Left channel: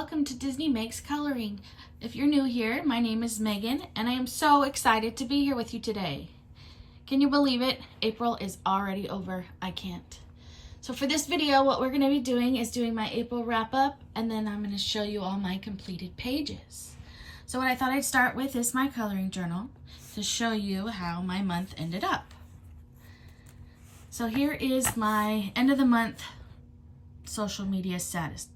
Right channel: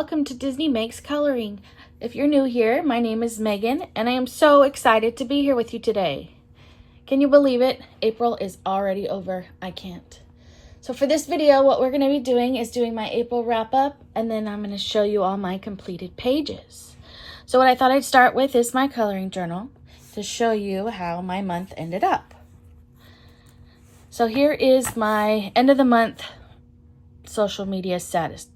welcome to Disney Megs Coloring. If you're new here, my name is Megan and I am so excited to be here with you today. Can you believe it? April is already over. I can't. So for this video, what we're going to be doing is doing my April wrap up, and then I'm going to show you all my completed pages. So what I thought I'd start with is my coloring journal to show you how my month ended up. So here is my end of the month social media status.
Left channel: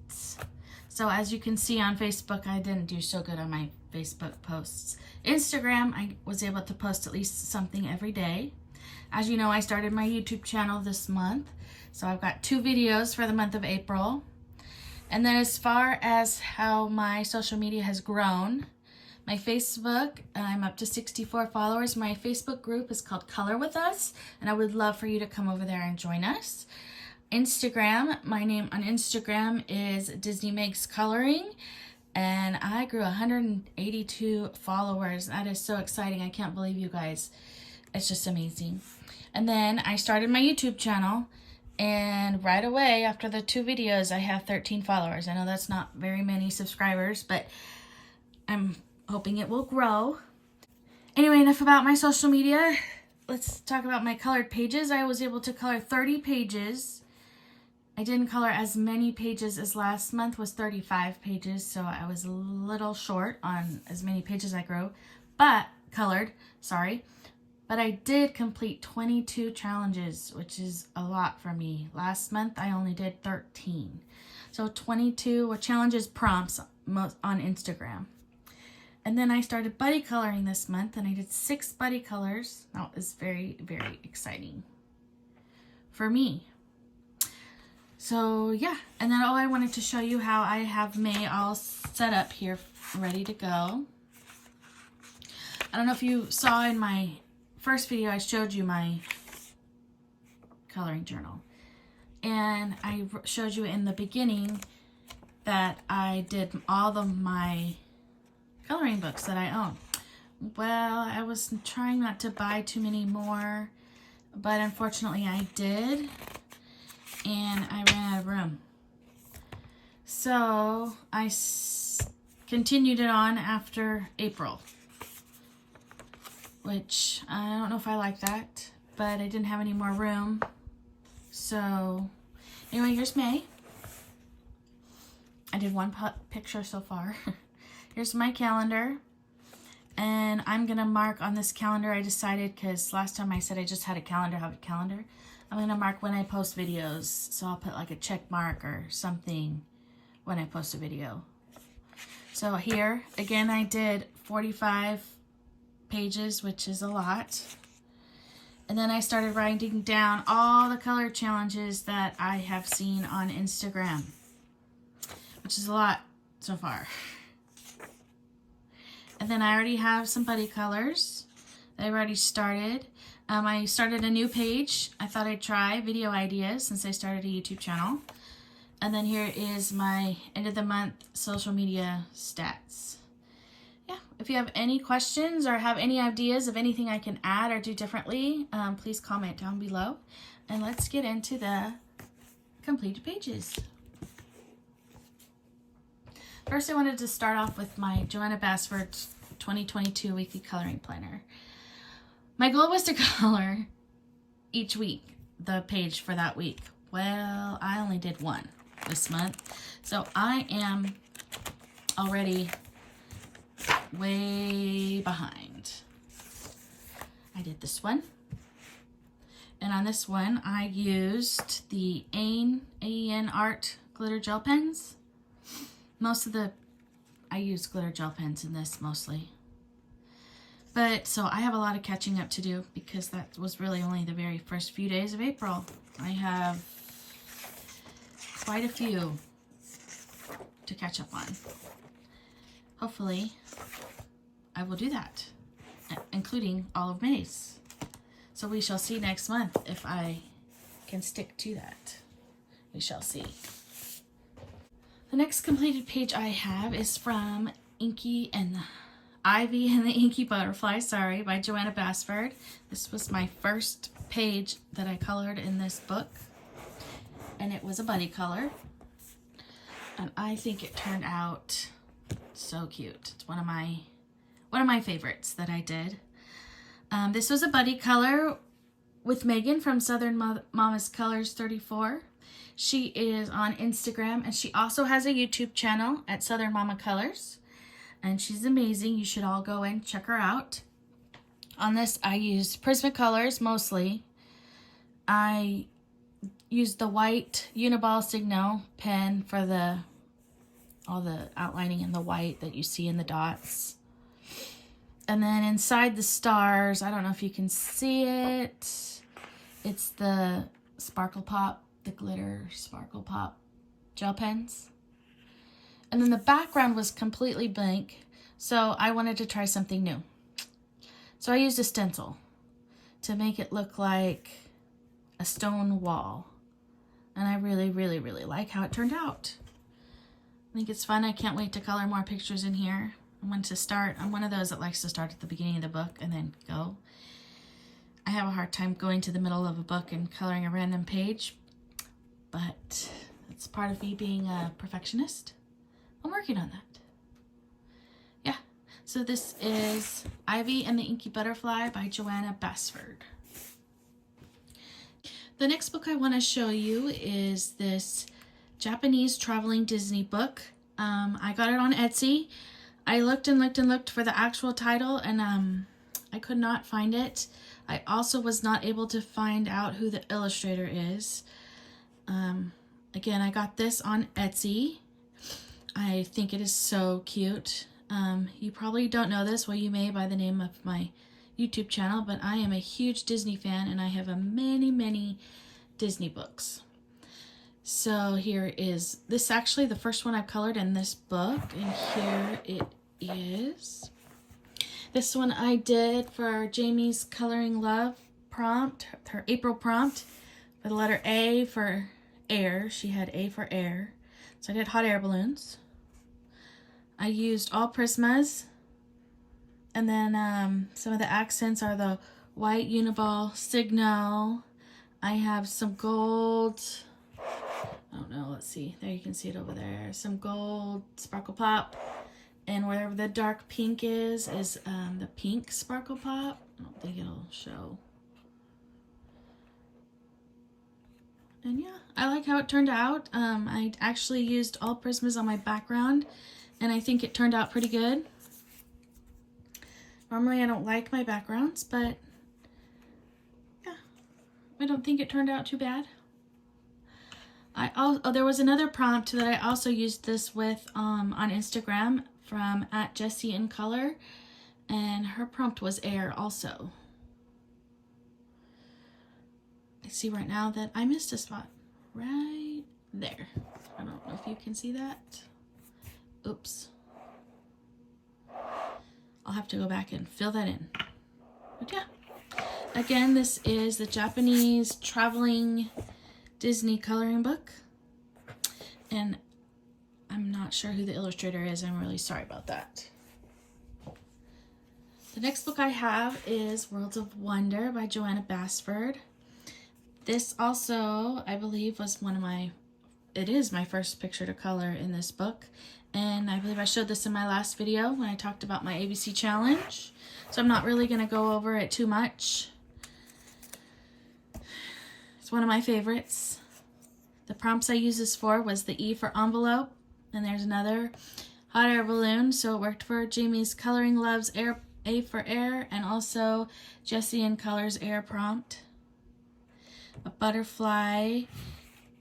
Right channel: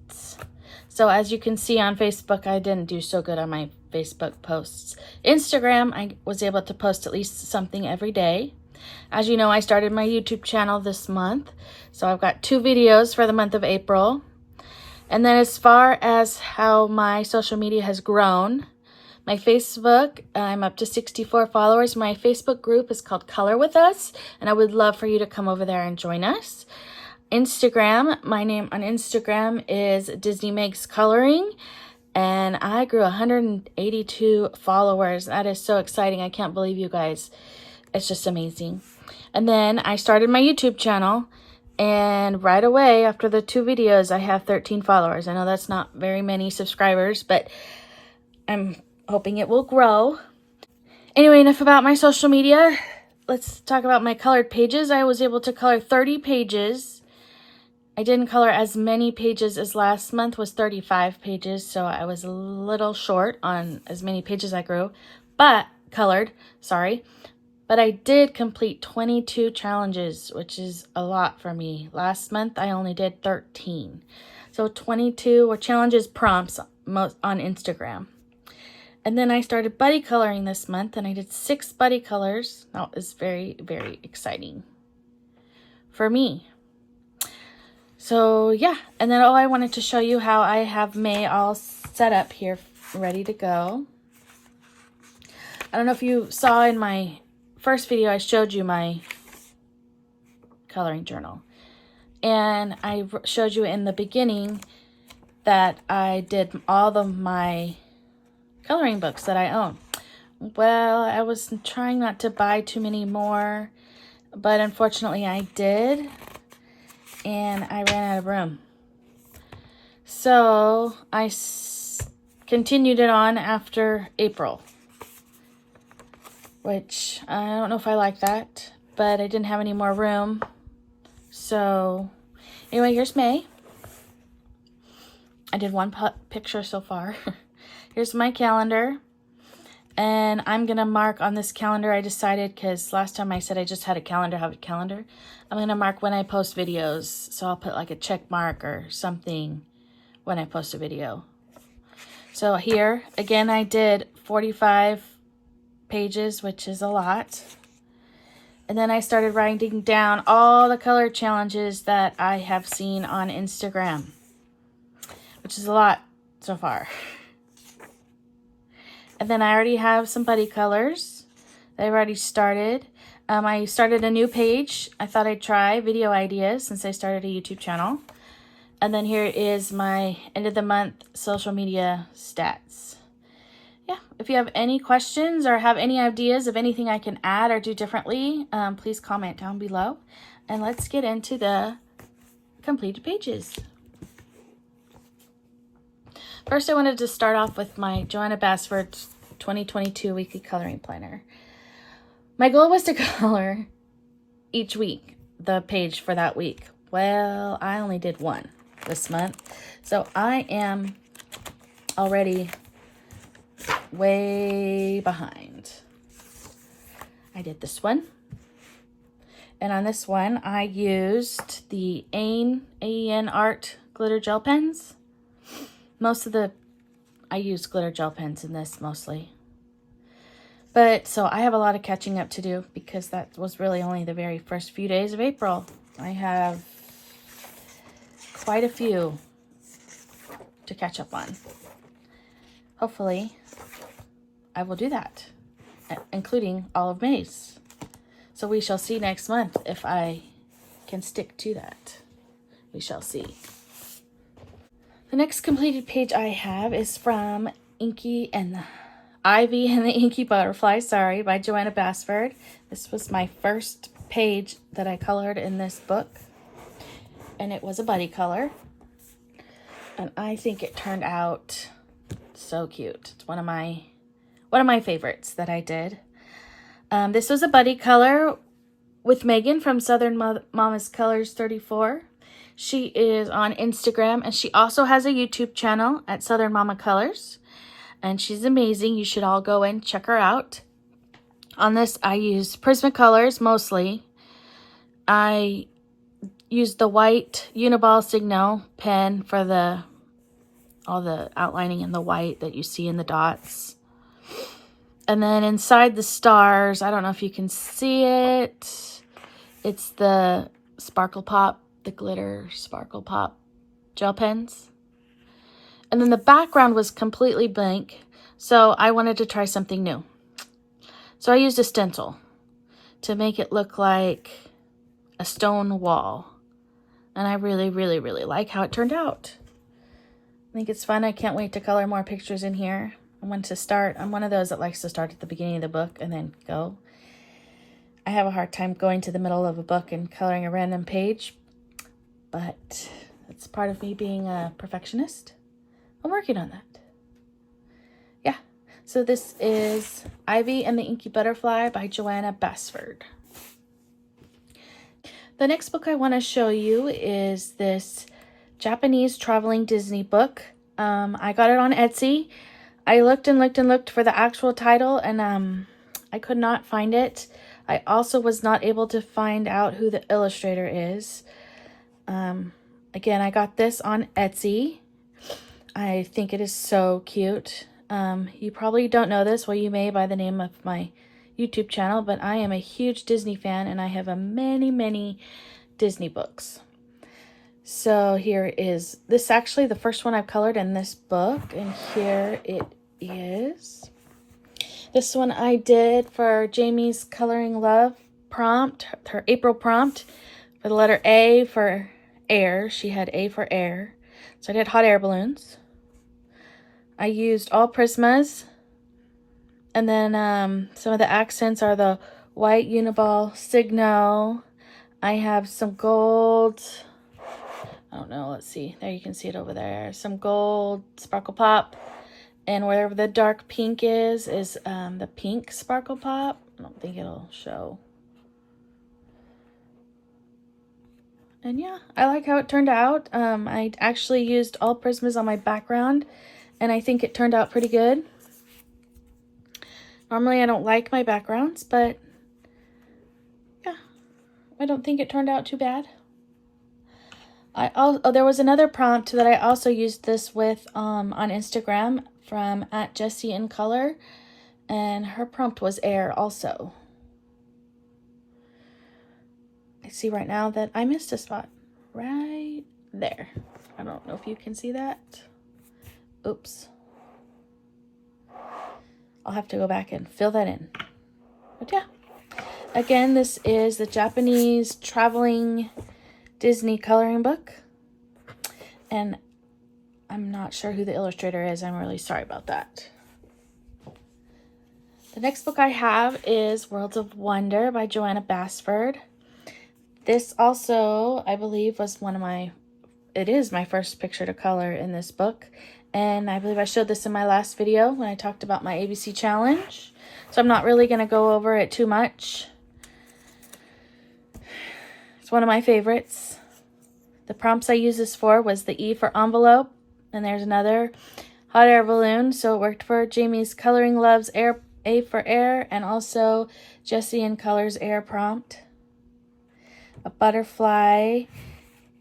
So as you can see on Facebook, I didn't do so good on my Facebook posts. Instagram, I was able to post at least something every day. As you know, I started my YouTube channel this month. So I've got 2 videos for the month of April. And then as far as how my social media has grown, my Facebook, I'm up to 64 followers. My Facebook group is called Color With Us, and I would love for you to come over there and join us. Instagram, my name on Instagram is Disney Megs Coloring, and I grew 182 followers. That is so exciting. I can't believe you guys. It's just amazing. And then I started my YouTube channel, and right away after the 2 videos, I have 13 followers. I know that's not very many subscribers, but I'm hoping it will grow. Anyway, enough about my social media. Let's talk about my colored pages. I was able to color 30 pages. I didn't color as many pages as last month, was 35 pages, so I was a little short on as many pages I colored. But I did complete 22 challenges, which is a lot for me. Last month, I only did 13. So 22 were challenges prompts on Instagram. And then I started buddy coloring this month, and I did 6 buddy colors. That was very, very exciting for me. So yeah, and then I wanted to show you how I have May all set up here, ready to go. I don't know if you saw in my first video, I showed you my coloring journal. And I showed you in the beginning that I did all of my coloring books that I own. Well, I was trying not to buy too many more, but unfortunately I did. And I ran out of room. So I continued it on after April, which I don't know if I like that, but I didn't have any more room. So anyway, here's May. I did 1 picture so far. Here's my calendar. And I'm going to mark on this calendar. I decided, because last time I said I just had a calendar, I'm going to mark when I post videos. So I'll put like a check mark or something when I post a video. So here, again, I did 45 pages, which is a lot. And then I started writing down all the color challenges that I have seen on Instagram, which is a lot so far. And then I already have some buddy colors that I've already started. I started a new page. I thought I'd try video ideas since I started a YouTube channel. And then here is my end of the month social media stats. Yeah, if you have any questions or have any ideas of anything I can add or do differently, please comment down below. And let's get into the completed pages. First, I wanted to start off with my Joanna Bassford's 2022 Weekly Coloring Planner. My goal was to color each week, the page for that week. Well, I only did 1 this month, so I am already way behind. I did this one, and on this one, I used the AEN Art glitter gel pens. I use glitter gel pens in this mostly. But, so I have a lot of catching up to do because that was really only the very first few days of April. I have quite a few to catch up on. Hopefully, I will do that, including all of May's. So we shall see next month if I can stick to that. We shall see. The next completed page I have is from Ivy and the Inky Butterfly, by Joanna Bassford. This was my first page that I colored in this book, and it was a buddy color. And I think it turned out so cute. It's one of my favorites that I did. This was a buddy color with Megan from Southern Mama's Colors 34. She is on Instagram, and she also has a YouTube channel at Southern Mama Colors. And she's amazing. You should all go and check her out. On this, I used Prismacolors mostly. I used the white Uniball Signal pen for all the outlining in the white that you see in the dots. And then inside the stars, I don't know if you can see it. It's the Sparkle Pop, the glitter Sparkle Pop gel pens. And then the background was completely blank, so I wanted to try something new. So I used a stencil to make it look like a stone wall. And I really, really, really like how it turned out. I think it's fun. I can't wait to color more pictures in here. And when to start, I'm one of those that likes to start at the beginning of the book and then go. I have a hard time going to the middle of a book and coloring a random page, but it's part of me being a perfectionist. I'm working on that. Yeah, so this is Ivy and the Inky Butterfly by Joanna Basford. The next book I want to show you is this Japanese traveling Disney book. I got it on Etsy. I looked and looked and looked for the actual title, and I could not find it. I also was not able to find out who the illustrator is. Again, I got this on Etsy. I think it is so cute. You probably don't know this. Well, you may by the name of my YouTube channel, but I am a huge Disney fan, and I have many Disney books. So here is this, actually the first one I've colored in this book, and here it is. This one I did for Jamie's Coloring Love prompt, her April prompt, for the letter A for air. She had A for air. So I did hot air balloons. I used all Prismas. And then some of the accents are the white Uniball Signal. I have some gold. I don't know, let's see. There, you can see it over there. Some gold Sparkle Pop. And wherever the dark pink is the pink Sparkle Pop. I don't think it'll show. And yeah, I like how it turned out. I actually used all Prismas on my background, and I think it turned out pretty good. Normally I don't like my backgrounds, but yeah, I don't think it turned out too bad. There was another prompt that I also used this with on Instagram from @JessieInColor, and her prompt was air also. I see right now that I missed a spot right there. I don't know if you can see that. Oops. I'll have to go back and fill that in. But yeah, again, this is the Japanese traveling Disney coloring book. And I'm not sure who the illustrator is. I'm really sorry about that. The next book I have is Worlds of Wonder by Joanna Basford. This also, I believe, was it is my first picture to color in this book. And I believe I showed this in my last video when I talked about my ABC challenge. So I'm not really going to go over it too much. It's one of my favorites. The prompts I used this for was the E for envelope. And there's another hot air balloon. So it worked for Jamie's Coloring Love's air, A for air. And also Jessie in Color's air prompt. A butterfly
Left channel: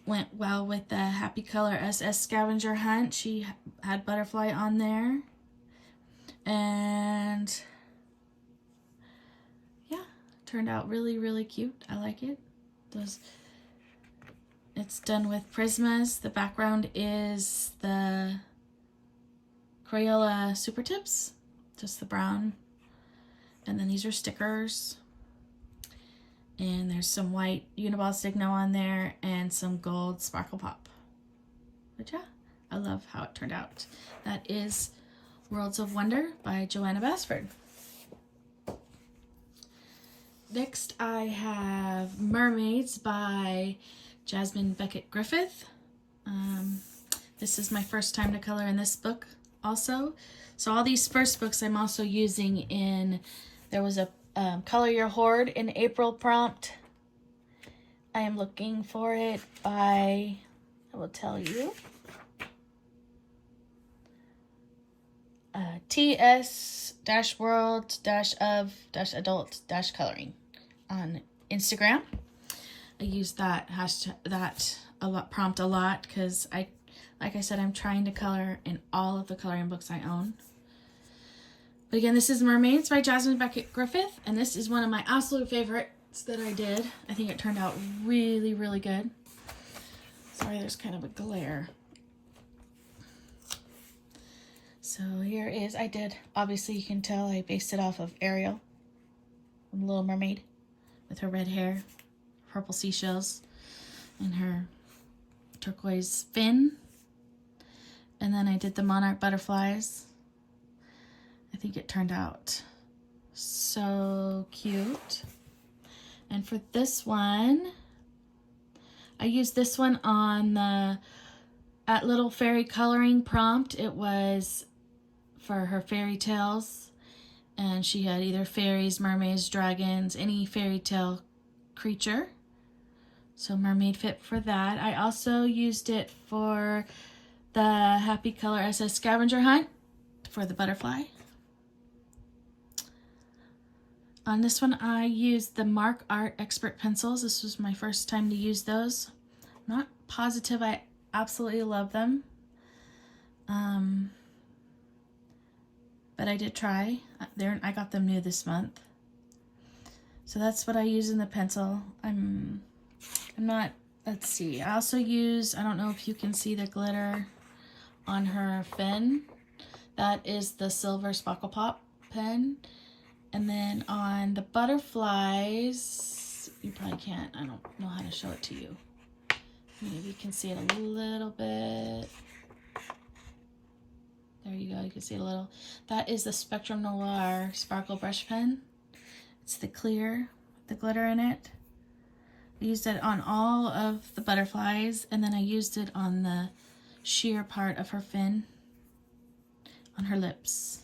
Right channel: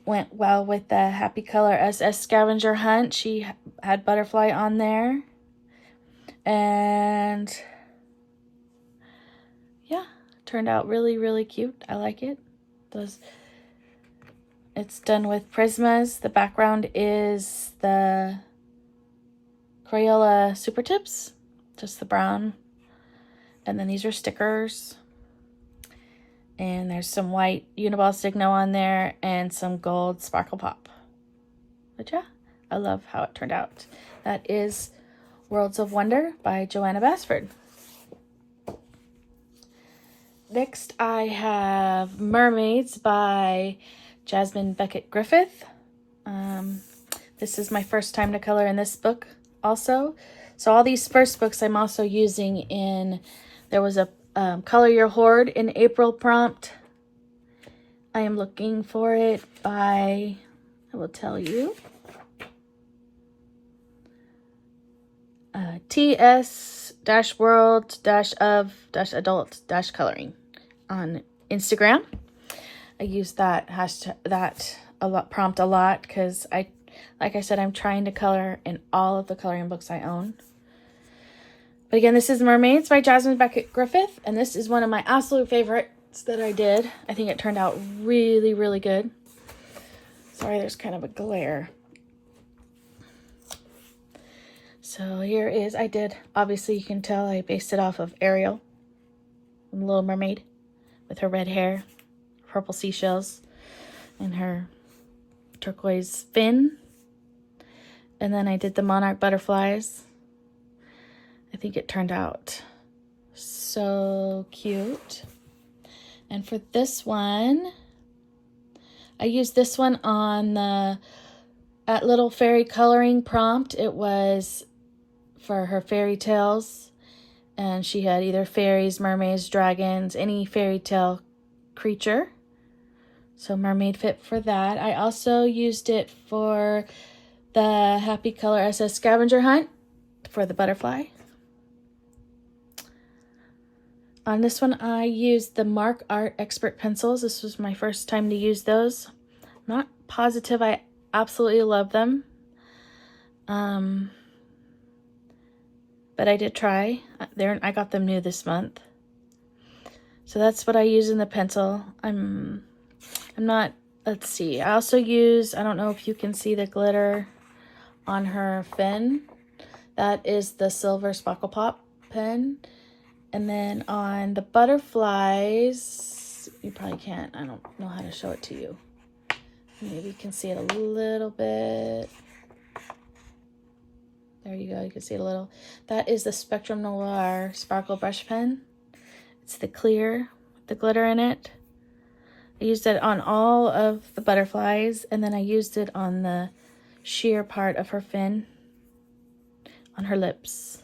went well with the Happy Color SS Scavenger Hunt. She had butterfly on there. And yeah, turned out really cute. I like it. It's done with Prismas. The background is the Crayola Super Tips, just the brown. And then these are stickers. And there's some white Uniball Signal on there and some gold Sparkle Pop. But yeah, I love how it turned out. That is Worlds of Wonder by Joanna Basford. Next I have Mermaids by Jasmine Beckett Griffith. This is my first time to color in this book also. So all these first books I'm also using in, there was a Color Your Hoard in April prompt. I am looking for it by, I will tell you, ts-world-of-adult-coloring on Instagram. I use that hashtag, prompt a lot because like I said, I'm trying to color in all of the coloring books I own. But again, this is Mermaids by Jasmine Beckett Griffith, and this is one of my absolute favorites that I did. I think it turned out really, really good. Sorry, there's kind of a glare. So here is, obviously you can tell I based it off of Ariel from Little Mermaid with her red hair, purple seashells, and her turquoise fin. And then I did the monarch butterflies. I think it turned out so cute. And for this one, I used this one on the At Little Fairy Coloring prompt. It was for her fairy tales, and she had either fairies, mermaids, dragons, any fairy tale creature. So mermaid fit for that. I also used it for the Happy Color SS Scavenger Hunt for the butterfly. On this one, I used the Mark Art Expert pencils. This was my first time to use those. Not positive I absolutely love them. But I did try. I got them new this month. So that's what I use in the pencil. I'm not, let's see. I also use, I don't know if you can see the glitter on her fin. That is the silver Sparkle Pop pen. And then on the butterflies, you probably can't, I don't know how to show it to you. Maybe you can see it a little bit. There you go, you can see it a little. That is the Spectrum Noir Sparkle Brush Pen. It's the clear with the glitter in it. I used it on all of the butterflies, and then I used it on the sheer part of her fin, on her lips.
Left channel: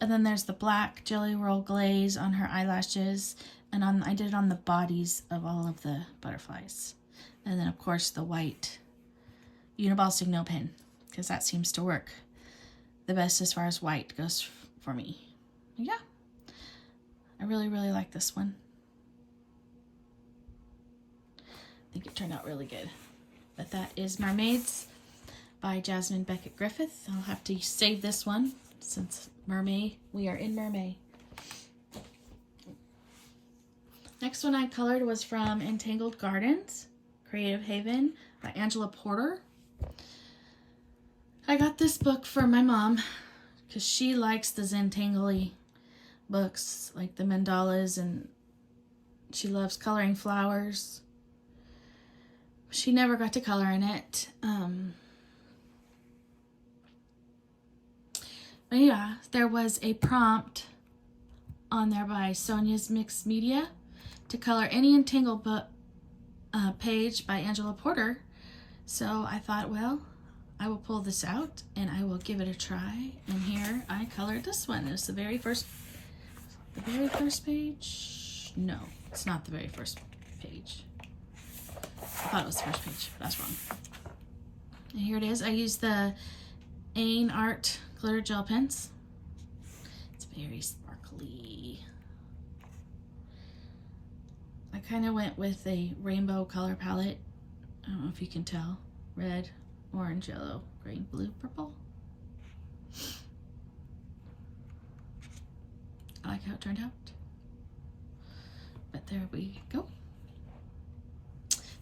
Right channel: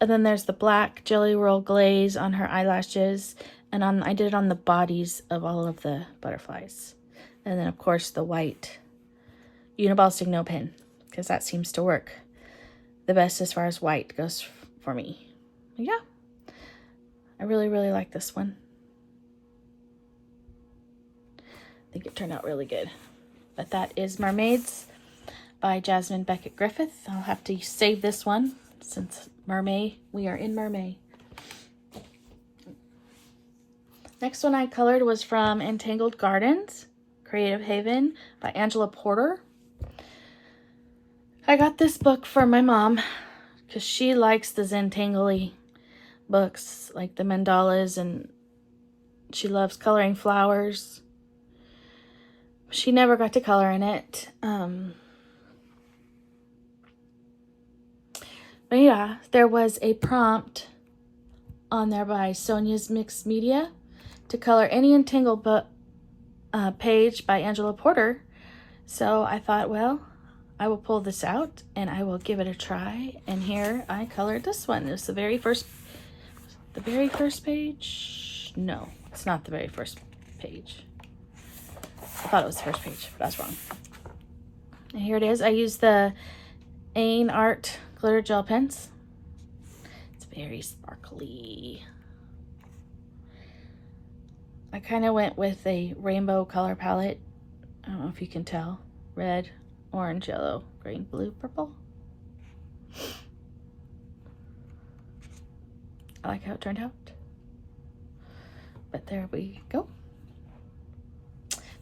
And then there's the black Jelly Roll Glaze on her eyelashes, and I did it on the bodies of all of the butterflies. And then of course the white Uniball Signal pen, because that seems to work the best as far as white goes for me. Yeah, I really, really like this one. I think it turned out really good. But that is Mermaids by Jasmine Beckett Griffith. I'll have to save this one since we are in Mermaid. Next one I colored was from Entangled Gardens, Creative Haven by Angela Porter. I got this book for my mom because she likes the Zentangly books, like the mandalas, and she loves coloring flowers. She never got to color in it. But yeah, there was a prompt on there by Sonia's Mixed Media to color any Entangled book page by Angela Porter. So I thought, well, I will pull this out and I will give it a try. And here I colored this one. It's the very first page. No, it's not the very first page. I thought it was the first page, but I was wrong. And here it is. I used the Ain Art glitter gel pens. It's very sparkly. I kind of went with a rainbow color palette. I don't know if you can tell. Red, orange, yellow, green, blue, purple. I like how it turned out. But there we go.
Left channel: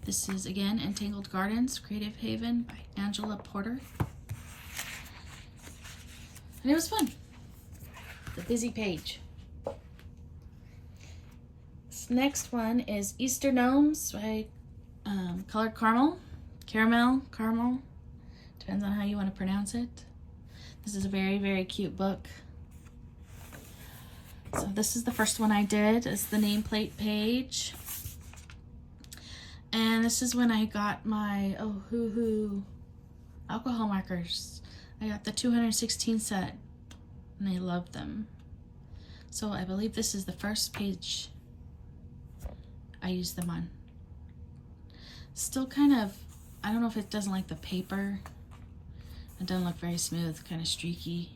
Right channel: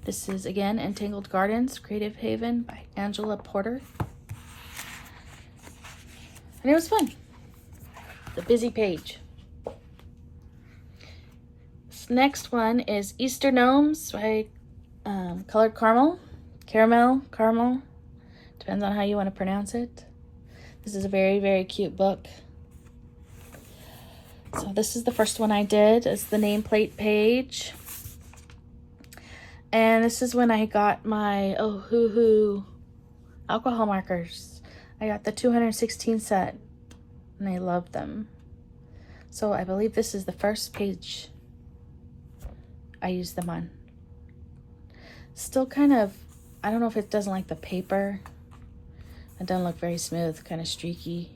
This is, again, Entangled Gardens, Creative Haven by Angela Porter. And it was fun. The busy page. This next one is Easter Gnomes by Colored Caramel. Caramel. Depends on how you want to pronounce it. This is a very, very cute book. So this is the first one I did. It's the nameplate page. And this is when I got my Ohuhu alcohol markers. I got the 216 set and I love them. So I believe this is the first page I used them on. Still kind of, I don't know if it doesn't like the paper. It doesn't look very smooth, kind of streaky.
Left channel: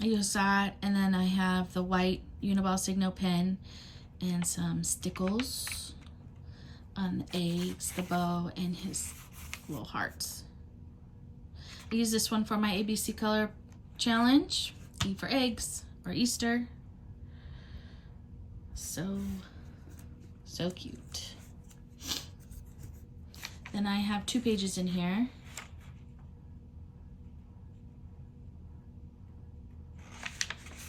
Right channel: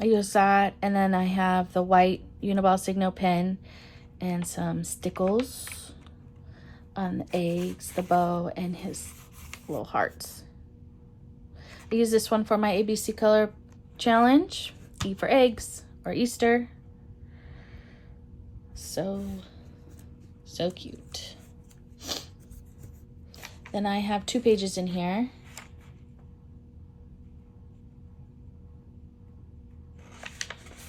I use that, and then I have the white Uniball Signal pen and some stickles on the eggs, the bow, and his little hearts. I use this one for my ABC color challenge. E for eggs, or Easter. So cute. Then I have 2 pages in here.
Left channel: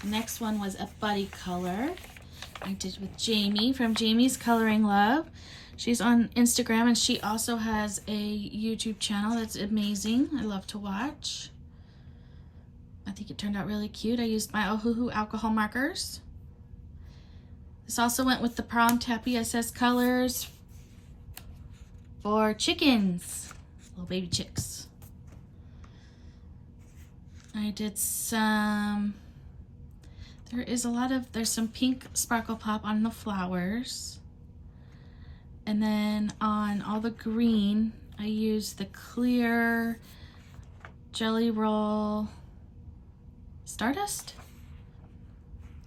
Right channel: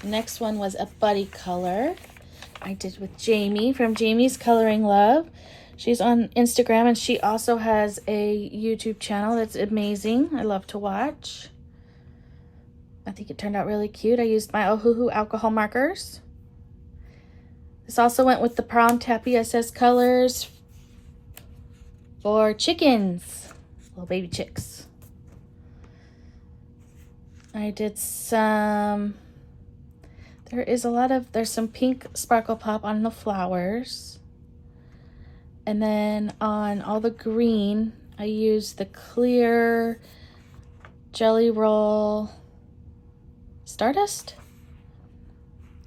The next one was a buddy color I did with Jamie from Jamie's Coloring Love. She's on Instagram and she also has a YouTube channel that's amazing. I love to watch. I think it turned out really cute. I used my Ohuhu alcohol markers. This also went with the Prom Tappy SS colors for chickens, little baby chicks. I did some, there's some pink sparkle pop on the flowers. And then on all the green, I used the clear Jelly Roll Stardust.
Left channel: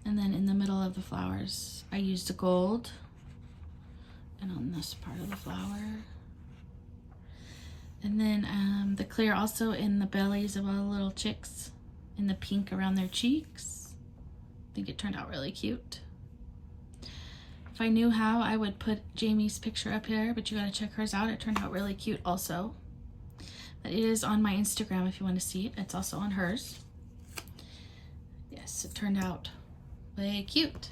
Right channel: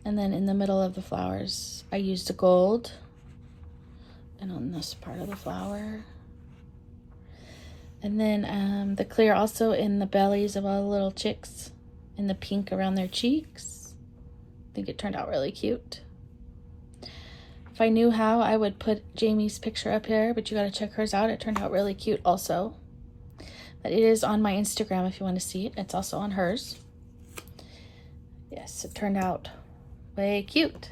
And then in the middle of the flowers, I used a gold. And on this part of the flower. And then the clear also in the bellies of all the little chicks. And the pink around their cheeks. I think it turned out really cute. If I knew how, I would put Jamie's picture up here, but you gotta check hers out. It turned out really cute also. But it is on my Instagram if you want to see it. It's also on hers. Yes, it turned out way cute.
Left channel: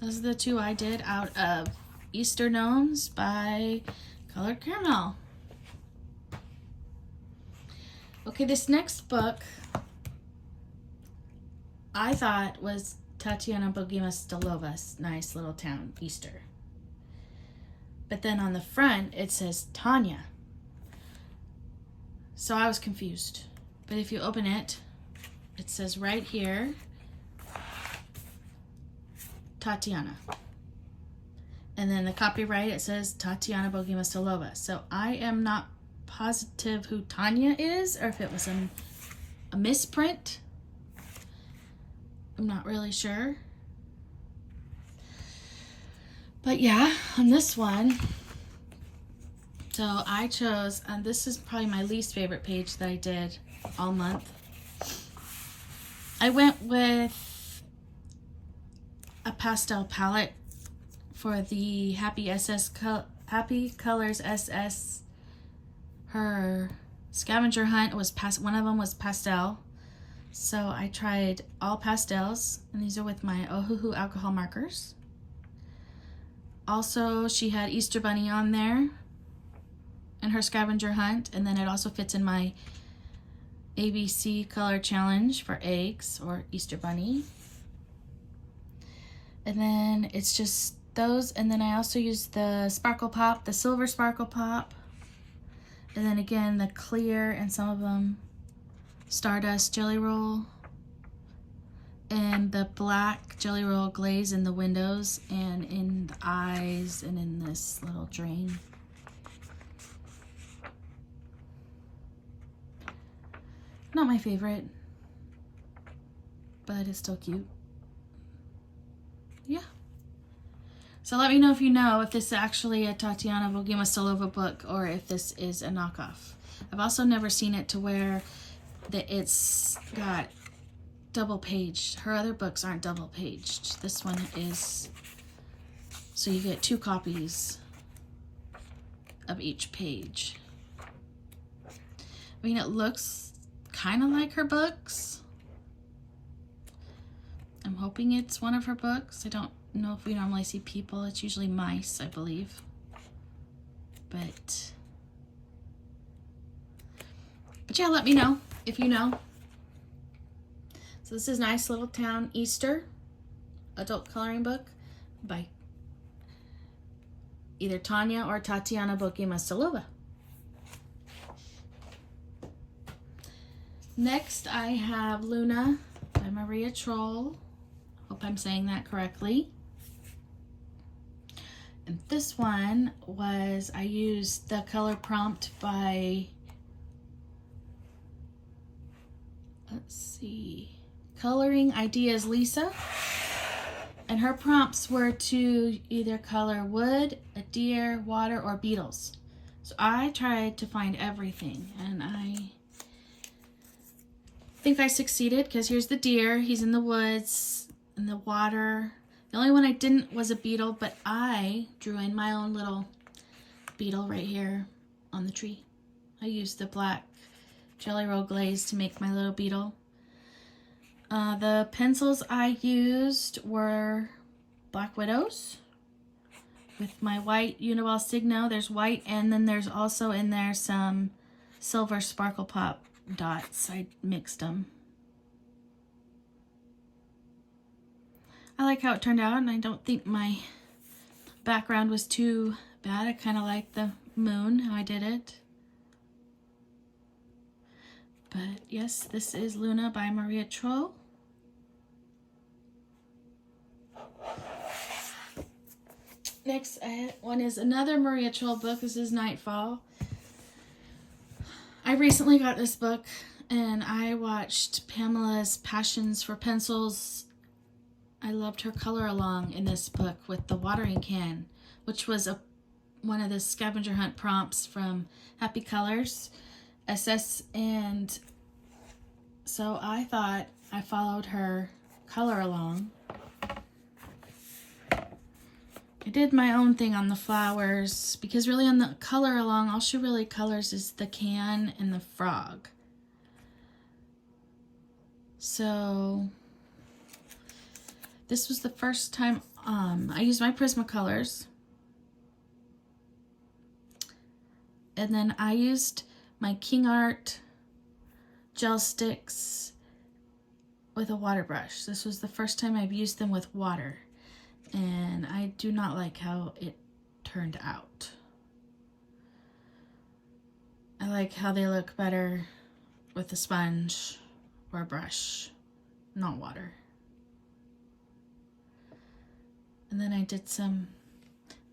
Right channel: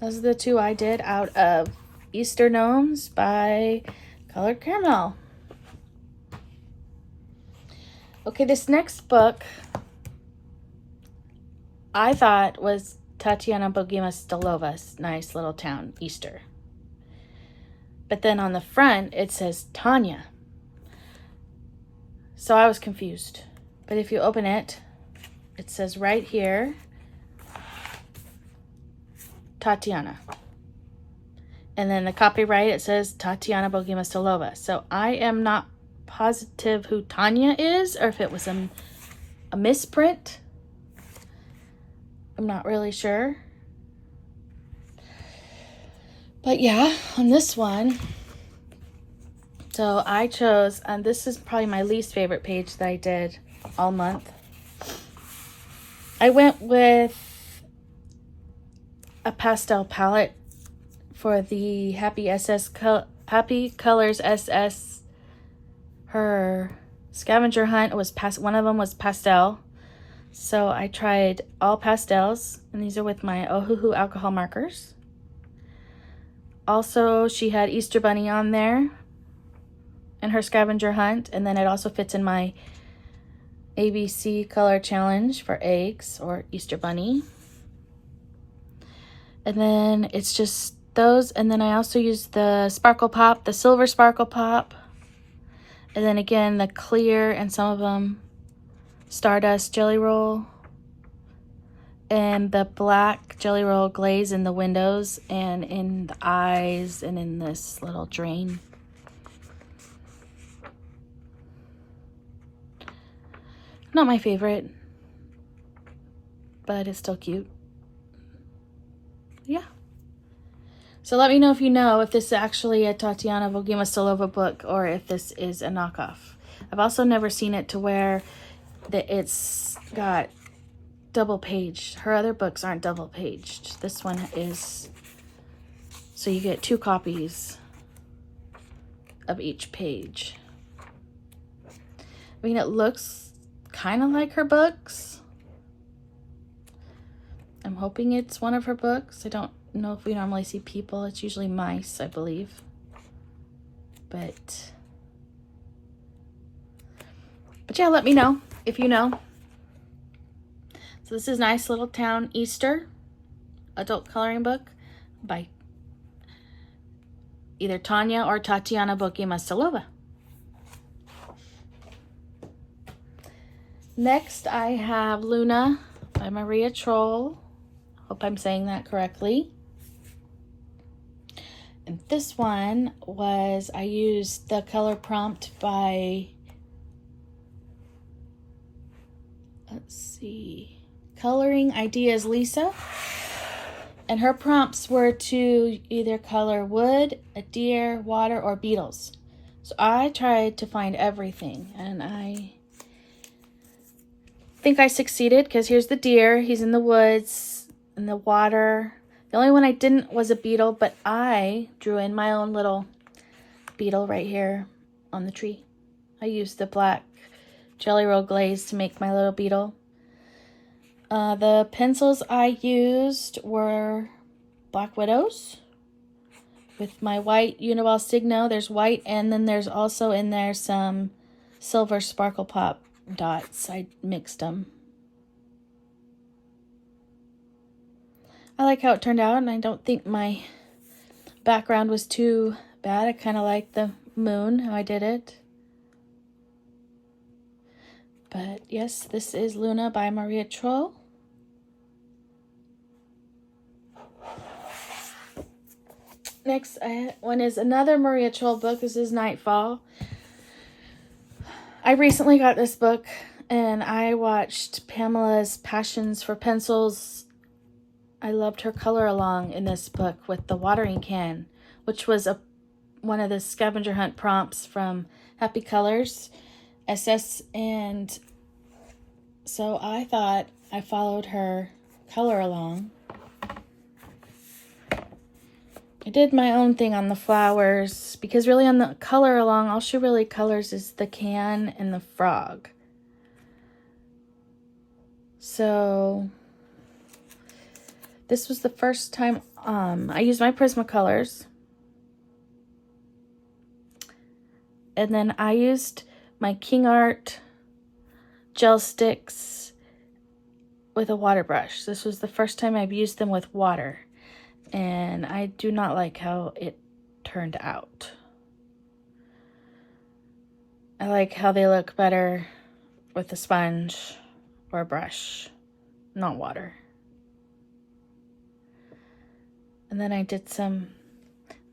Those are the 2 I did out of Easter Gnomes by Colored Caramel. Okay, this next book I thought was Tatiana Bogimastilova's Nice Little Town Easter. But then on the front it says Tanya. So I was confused. But if you open it, it says right here, Tatiana. And then the copyright, it says Tatiana Bogimastilova. So I am not positive who Tanya is, or if it was a misprint. I'm not really sure. But yeah, on this one, so I chose, and this is probably my least favorite page that I did all month. I went with a pastel palette for the Happy Colors SS. Her scavenger hunt was one of them was pastel. So I tried all pastels, and these are with my Ohuhu alcohol markers. Also, she had Easter Bunny on there and her scavenger hunt, and then it also fits in my ABC color challenge for eggs or Easter Bunny. And then it's just those, and then I also used the sparkle pop, the silver sparkle pop, and then again the clear and some of them Stardust Jelly Roll, and the black Jelly Roll glaze in the windows and in the eyes and in this little drain. Not my favorite, but it's still cute. Yeah. So let me know if you know if this is actually a Tatiana Bogimastilova book or if this is a knockoff. I've also never seen it to where that it's got double paged. Her other books aren't double paged. This one is, so you get 2 copies of each page. I mean, it looks kind of like her books. I'm hoping it's one of her books. I don't know if we normally see people. It's usually mice, I believe. But yeah, let me know if you know. So this is Nice Little Town Easter adult coloring book by either Tanya or Tatiana Bogimastilova. Next, I have Luna by Maria Troll. Hope I'm saying that correctly. And this one was, I used the color prompt by, let's see, Coloring Ideas Lisa. And her prompts were to either color wood, a deer, water, or beetles. So I tried to find everything, and I think I succeeded, because here's the deer. He's in the woods, in the water. The only one I didn't was a beetle, but I drew in my own little beetle right here on the tree. I used the black Jelly Roll glaze to make my little beetle. The pencils I used were Black Widows with my white Uniball Signo. There's white, and then there's also in there some silver Sparkle Pop dots. I mixed them. I like how it turned out, and I don't think my background was too bad. I kind of like the moon, how I did it. But yes, this is Luna by Maria Troll. Next one is another Maria Troll book. This is Nightfall. I recently got this book, and I watched Pamela's Passions for Pencils. I loved her color along in this book with the watering can, which was one of the scavenger hunt prompts from Happy Colors SS, and so I thought I followed her color along. I did my own thing on the flowers, because really on the color along, all she really colors is the can and the frog. So this was the first time I used my Prismacolors. And then I used my King Art gel sticks with a water brush. This was the first time I've used them with water, and I do not like how it turned out. I like how they look better with a sponge or a brush, not water. And then I did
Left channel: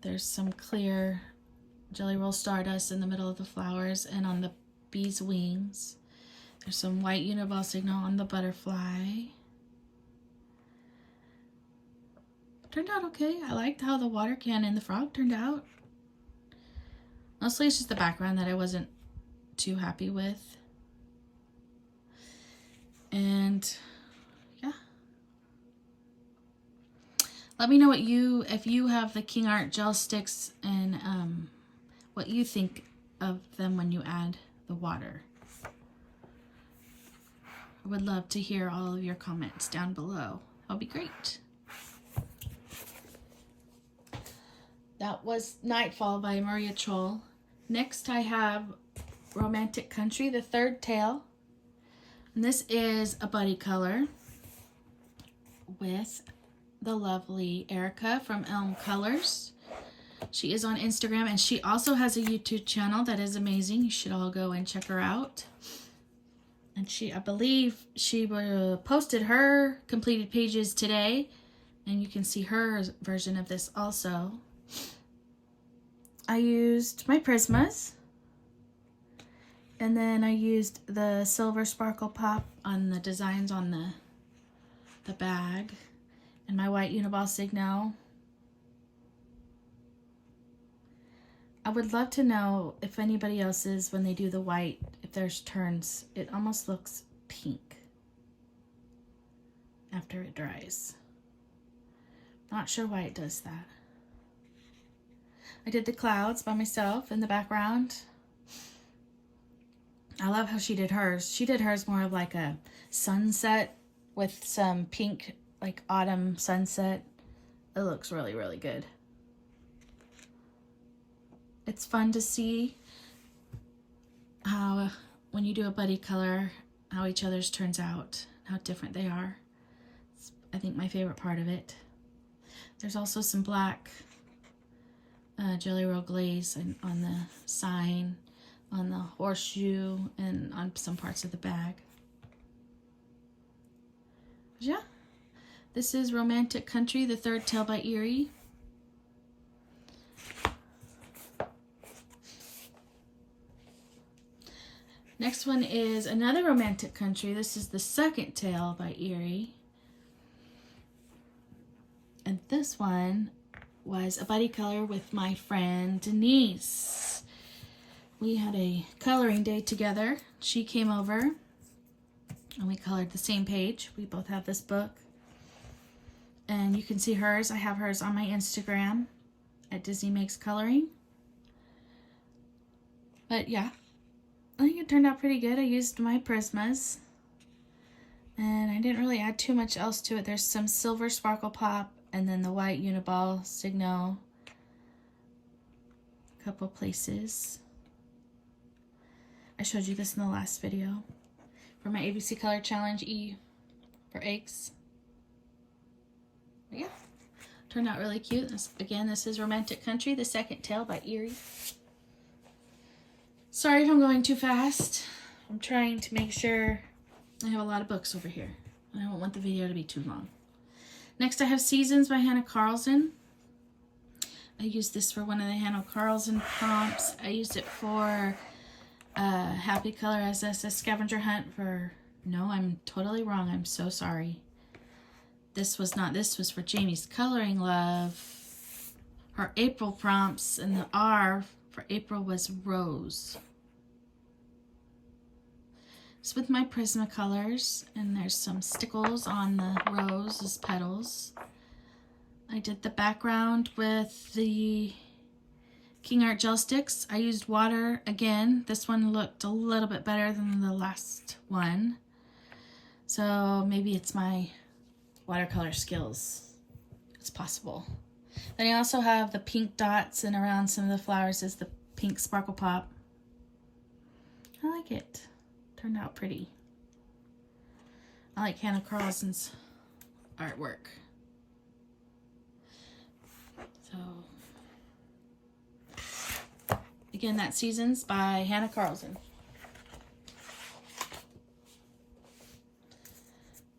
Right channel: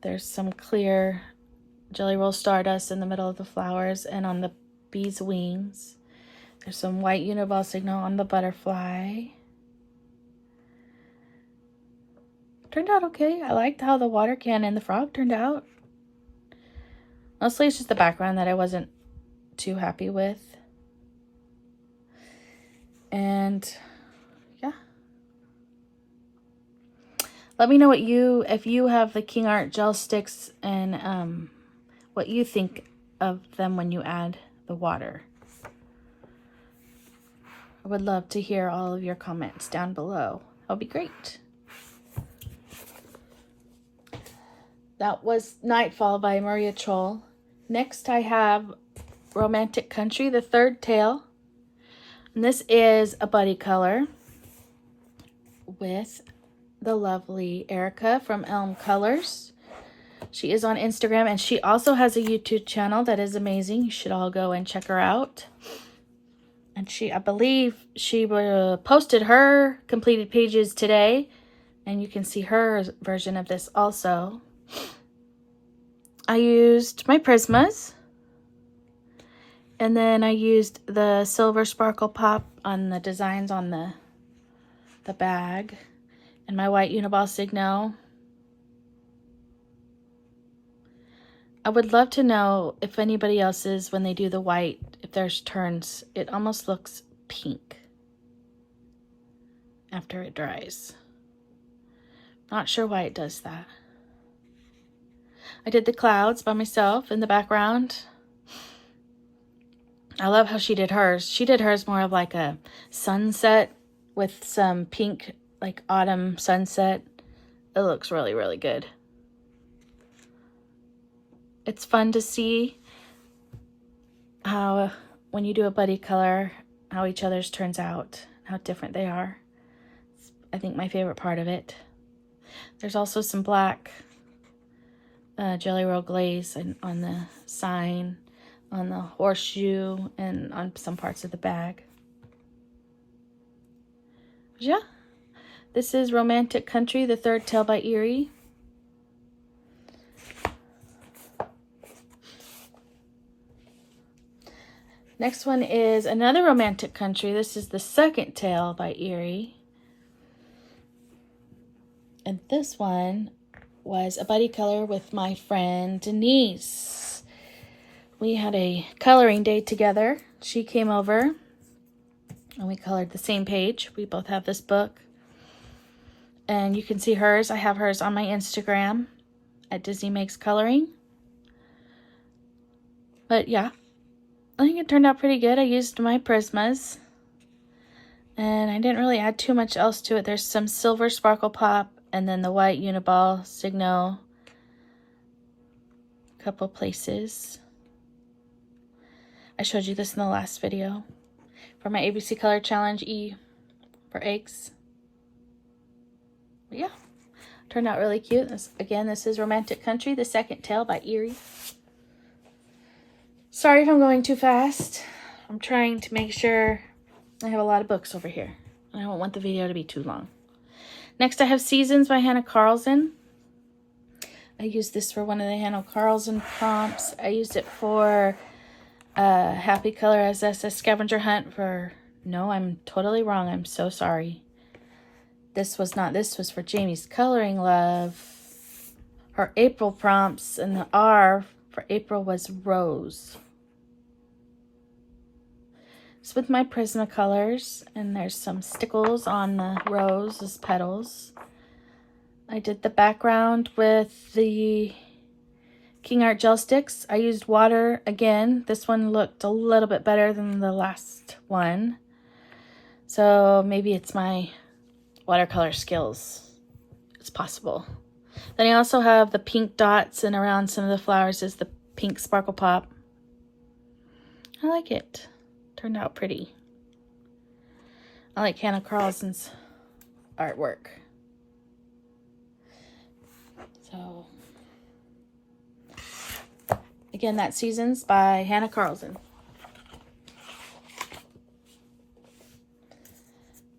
there's some clear Jelly Roll Stardust in the middle of the flowers, and on the bee's wings. There's some white Uniball Signal on the butterfly. Turned out okay. I liked how the water can and the frog turned out. Mostly it's just the background that I wasn't too happy with. And yeah. Let me know if you have the King Art gel sticks, and what you think of them when you add the water. I would love to hear all of your comments down below. That'll be great. That was Nightfall by Maria Troll. Next I have Romantic Country, the third tale. And this is a buddy color with the lovely Erica from Elm Colors. She is on Instagram, and she also has a YouTube channel that is amazing. You should all go and check her out. And I believe she posted her completed pages today, and you can see her version of this also. I used my Prismas, and then I used the silver Sparkle Pop on the designs on the bag, and my white Uniball Signo. I would love to know if anybody else's, when they do the white, if theirs turns, it almost looks pink after it dries. Not sure why it does that. I did the clouds by myself in the background. I love how she did hers. She did hers more of like a sunset with some pink, like autumn sunset. It looks really, really good. It's fun to see how when you do a buddy color, how each other's turns out, how different they are. It's, I think, my favorite part of it. There's also some black Jelly Roll glaze on the sign, on the horseshoe, and on some parts of the bag. Yeah. This is Romantic Country, the third tale by Erie. Next one is another Romantic Country. This is the second tale by Erie. And this one was a buddy color with my friend Denise. We had a coloring day together. She came over and we colored the same page. We both have this book. And you can see hers. I have hers on my Instagram at Disney Megs Coloring. But yeah, I think it turned out pretty good. I used my Prismas. And I didn't really add too much else to it. There's some silver sparkle pop and then the white Uniball Signal. A couple places. I showed you this in the last video for my ABC Color Challenge E for eggs. But yeah, turned out really cute. Again, this is Romantic Country, the second tale by Erie. Sorry if I'm going too fast. I'm trying to make sure I have a lot of books over here. And I don't want the video to be too long. Next, I have Seasons by Hannah Carlson. I used this for one of the Hannah Carlson prompts. I used it for Happy Color SS Scavenger Hunt for... No, I'm totally wrong. I'm so sorry. This was not. This was for Jamie's Coloring Love. Her April prompts, and the R for April was Rose. It's with my Prismacolors, and there's some stickles on the rose's petals. I did the background with the King Art gel sticks. I used water again. This one looked a little bit better than the last one. So maybe it's my watercolor skills. It's possible. Then I also have the pink dots, and around some of the flowers is the pink sparkle pop. I like it. Turned out pretty. I like Hannah Carlson's artwork. So again, that's Seasons by Hannah Carlson.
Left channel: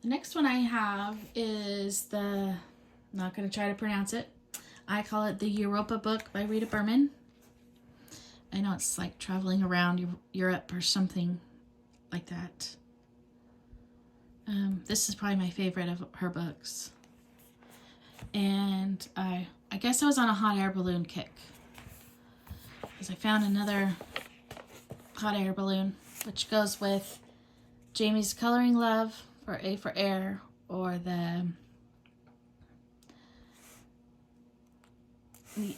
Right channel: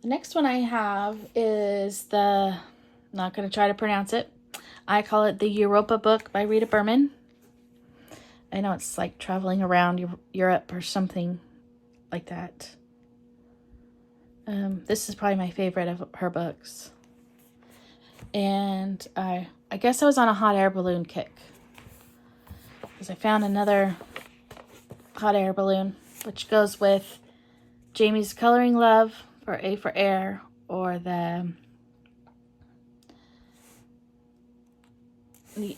The next one I have is the, I'm not going to try to pronounce it. I call it the Europa book by Rita Berman. I know it's like traveling around Europe or something like that. This is probably my favorite of her books. And I guess I was on a hot air balloon kick, because I found another hot air balloon, which goes with Jamie's Coloring Love for A for Air, or the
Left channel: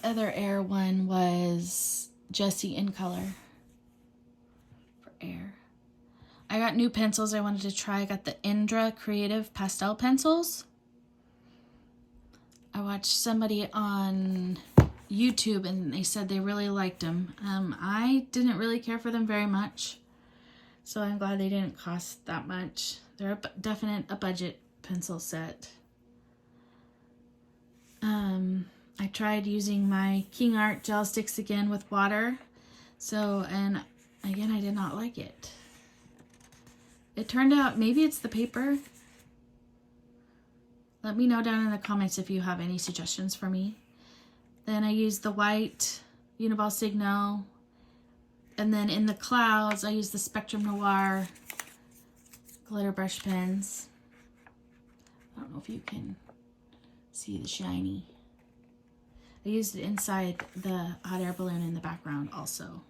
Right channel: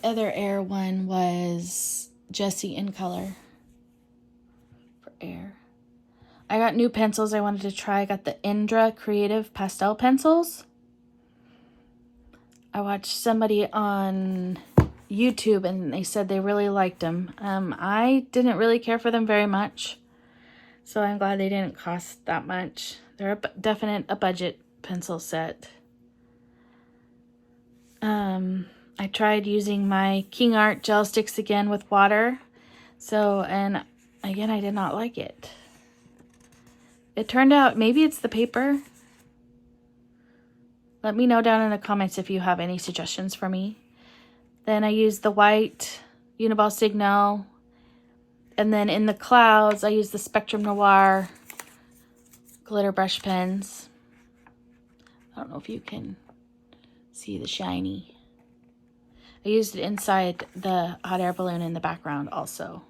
other air one was Jessie in Color for Air. I got new pencils I wanted to try. I got the Indra Creative Pastel pencils. I watched somebody on YouTube and they said they really liked them. I didn't really care for them very much, so I'm glad they didn't cost that much. They're a budget pencil set. I tried using my King Art gel sticks again with water. And again, I did not like it. It turned out, maybe it's the paper. Let me know down in the comments if you have any suggestions for me. Then I used the white Uniball Signal. And then in the clouds, I used the Spectrum Noir glitter brush pens. I don't know if you can see the shiny. I used it inside the hot air balloon in the background also.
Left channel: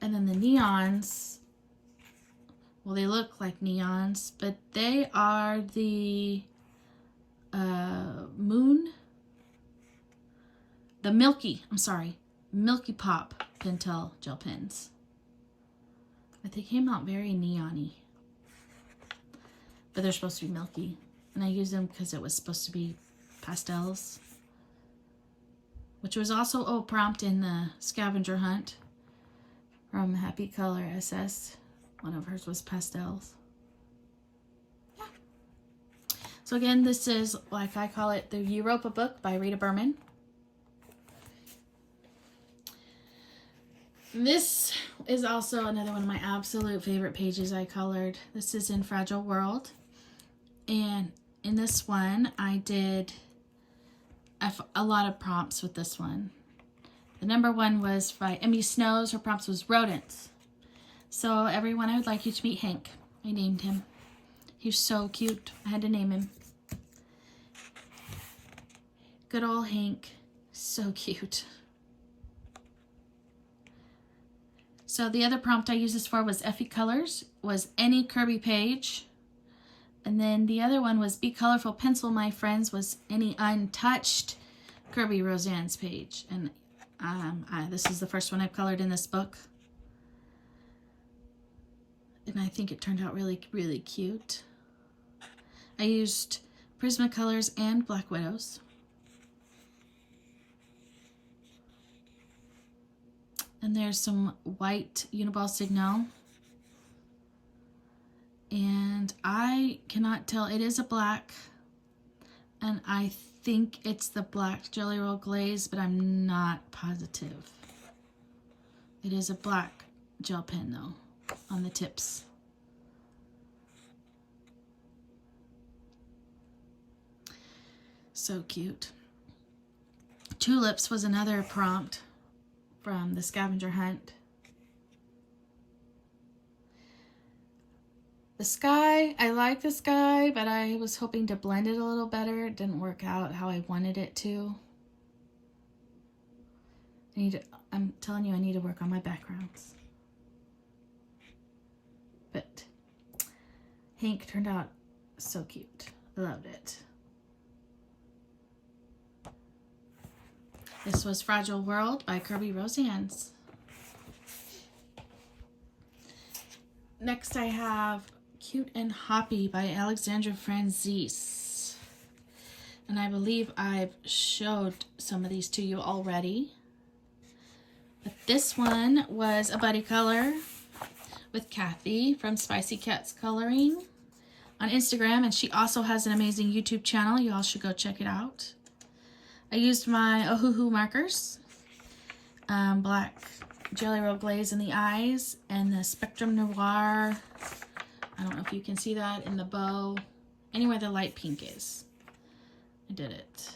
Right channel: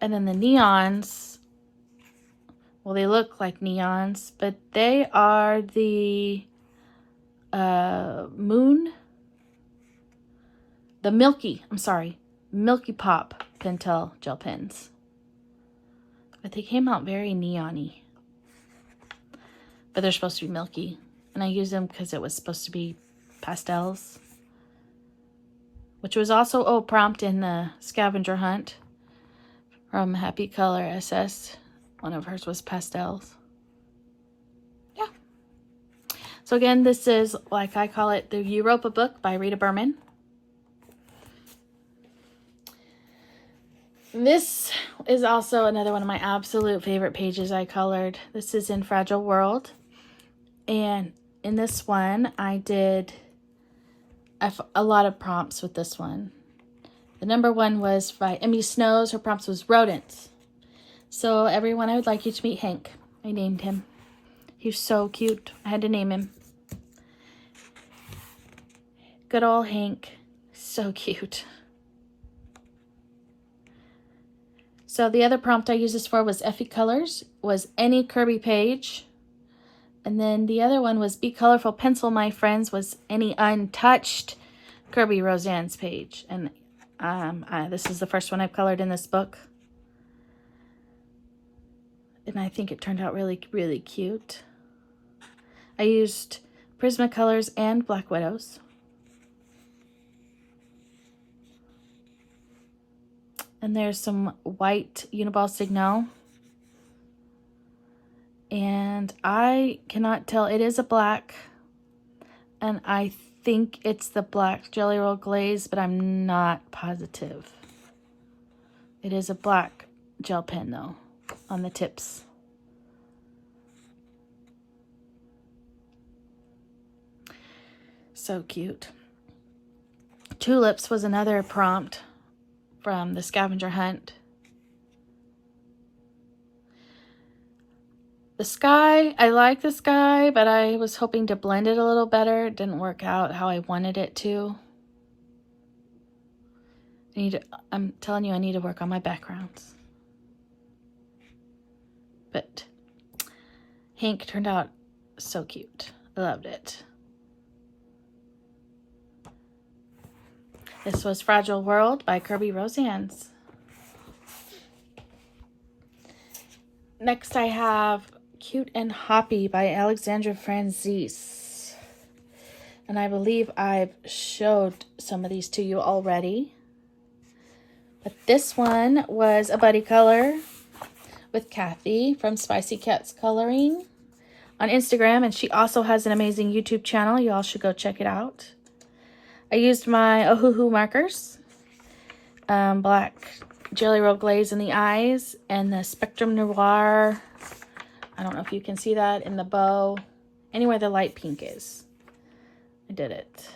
And then the neons, well, they look like neons, but they are the Milky Pop Pentel gel pens. But they came out very neon-y. But they're supposed to be milky. And I used them because it was supposed to be pastels. Which was also a prompt in the scavenger hunt from Happy Color SS. One of hers was pastels. Yeah. So again, this is, like I call it, the Europa book by Rita Berman. This is also another one of my absolute favorite pages I colored. This is in Fragile World. And in this one, I did a lot of prompts with this one. The number one was by Emmy Snows. Her prompts was rodents. So everyone, I would like you to meet Hank. I named him. He's so cute. I had to name him. Good old Hank. So cute. So the other prompt I used this for was Effie Colors, was any Kirby page. And then the other one was Be Colorful Pencil, my friends, was any untouched Kirby Roseanne's page. And this is the first one I've colored in this book. And I think it turned out really, really cute. I used Prismacolors and Black Widows. And there's some white Uniball Signal. And I cannot tell. It is a black. And I think it's the black Jelly Roll Glaze, but I'm not positive. It is a black gel pen, though, on the tips. So cute. Tulips was another prompt from the scavenger hunt. The sky, I like the sky, but I was hoping to blend it a little better. It didn't work out how I wanted it to. I'm telling you, I need to work on my backgrounds. But Hank turned out so cute. I loved it. This was Fragile World by Kirby Roseanne's. Next I have Cute and Hoppy by Alexandra Franzese. And I believe I've showed some of these to you already. But this one was a buddy color with Kathy from Spicy Cats Coloring on Instagram. And she also has an amazing YouTube channel. You all should go check it out. I used my Ohuhu markers, black Jelly Roll Glaze in the eyes, and the Spectrum Noir. I don't know if you can see that in the bow. Anywhere the light pink is. I did it.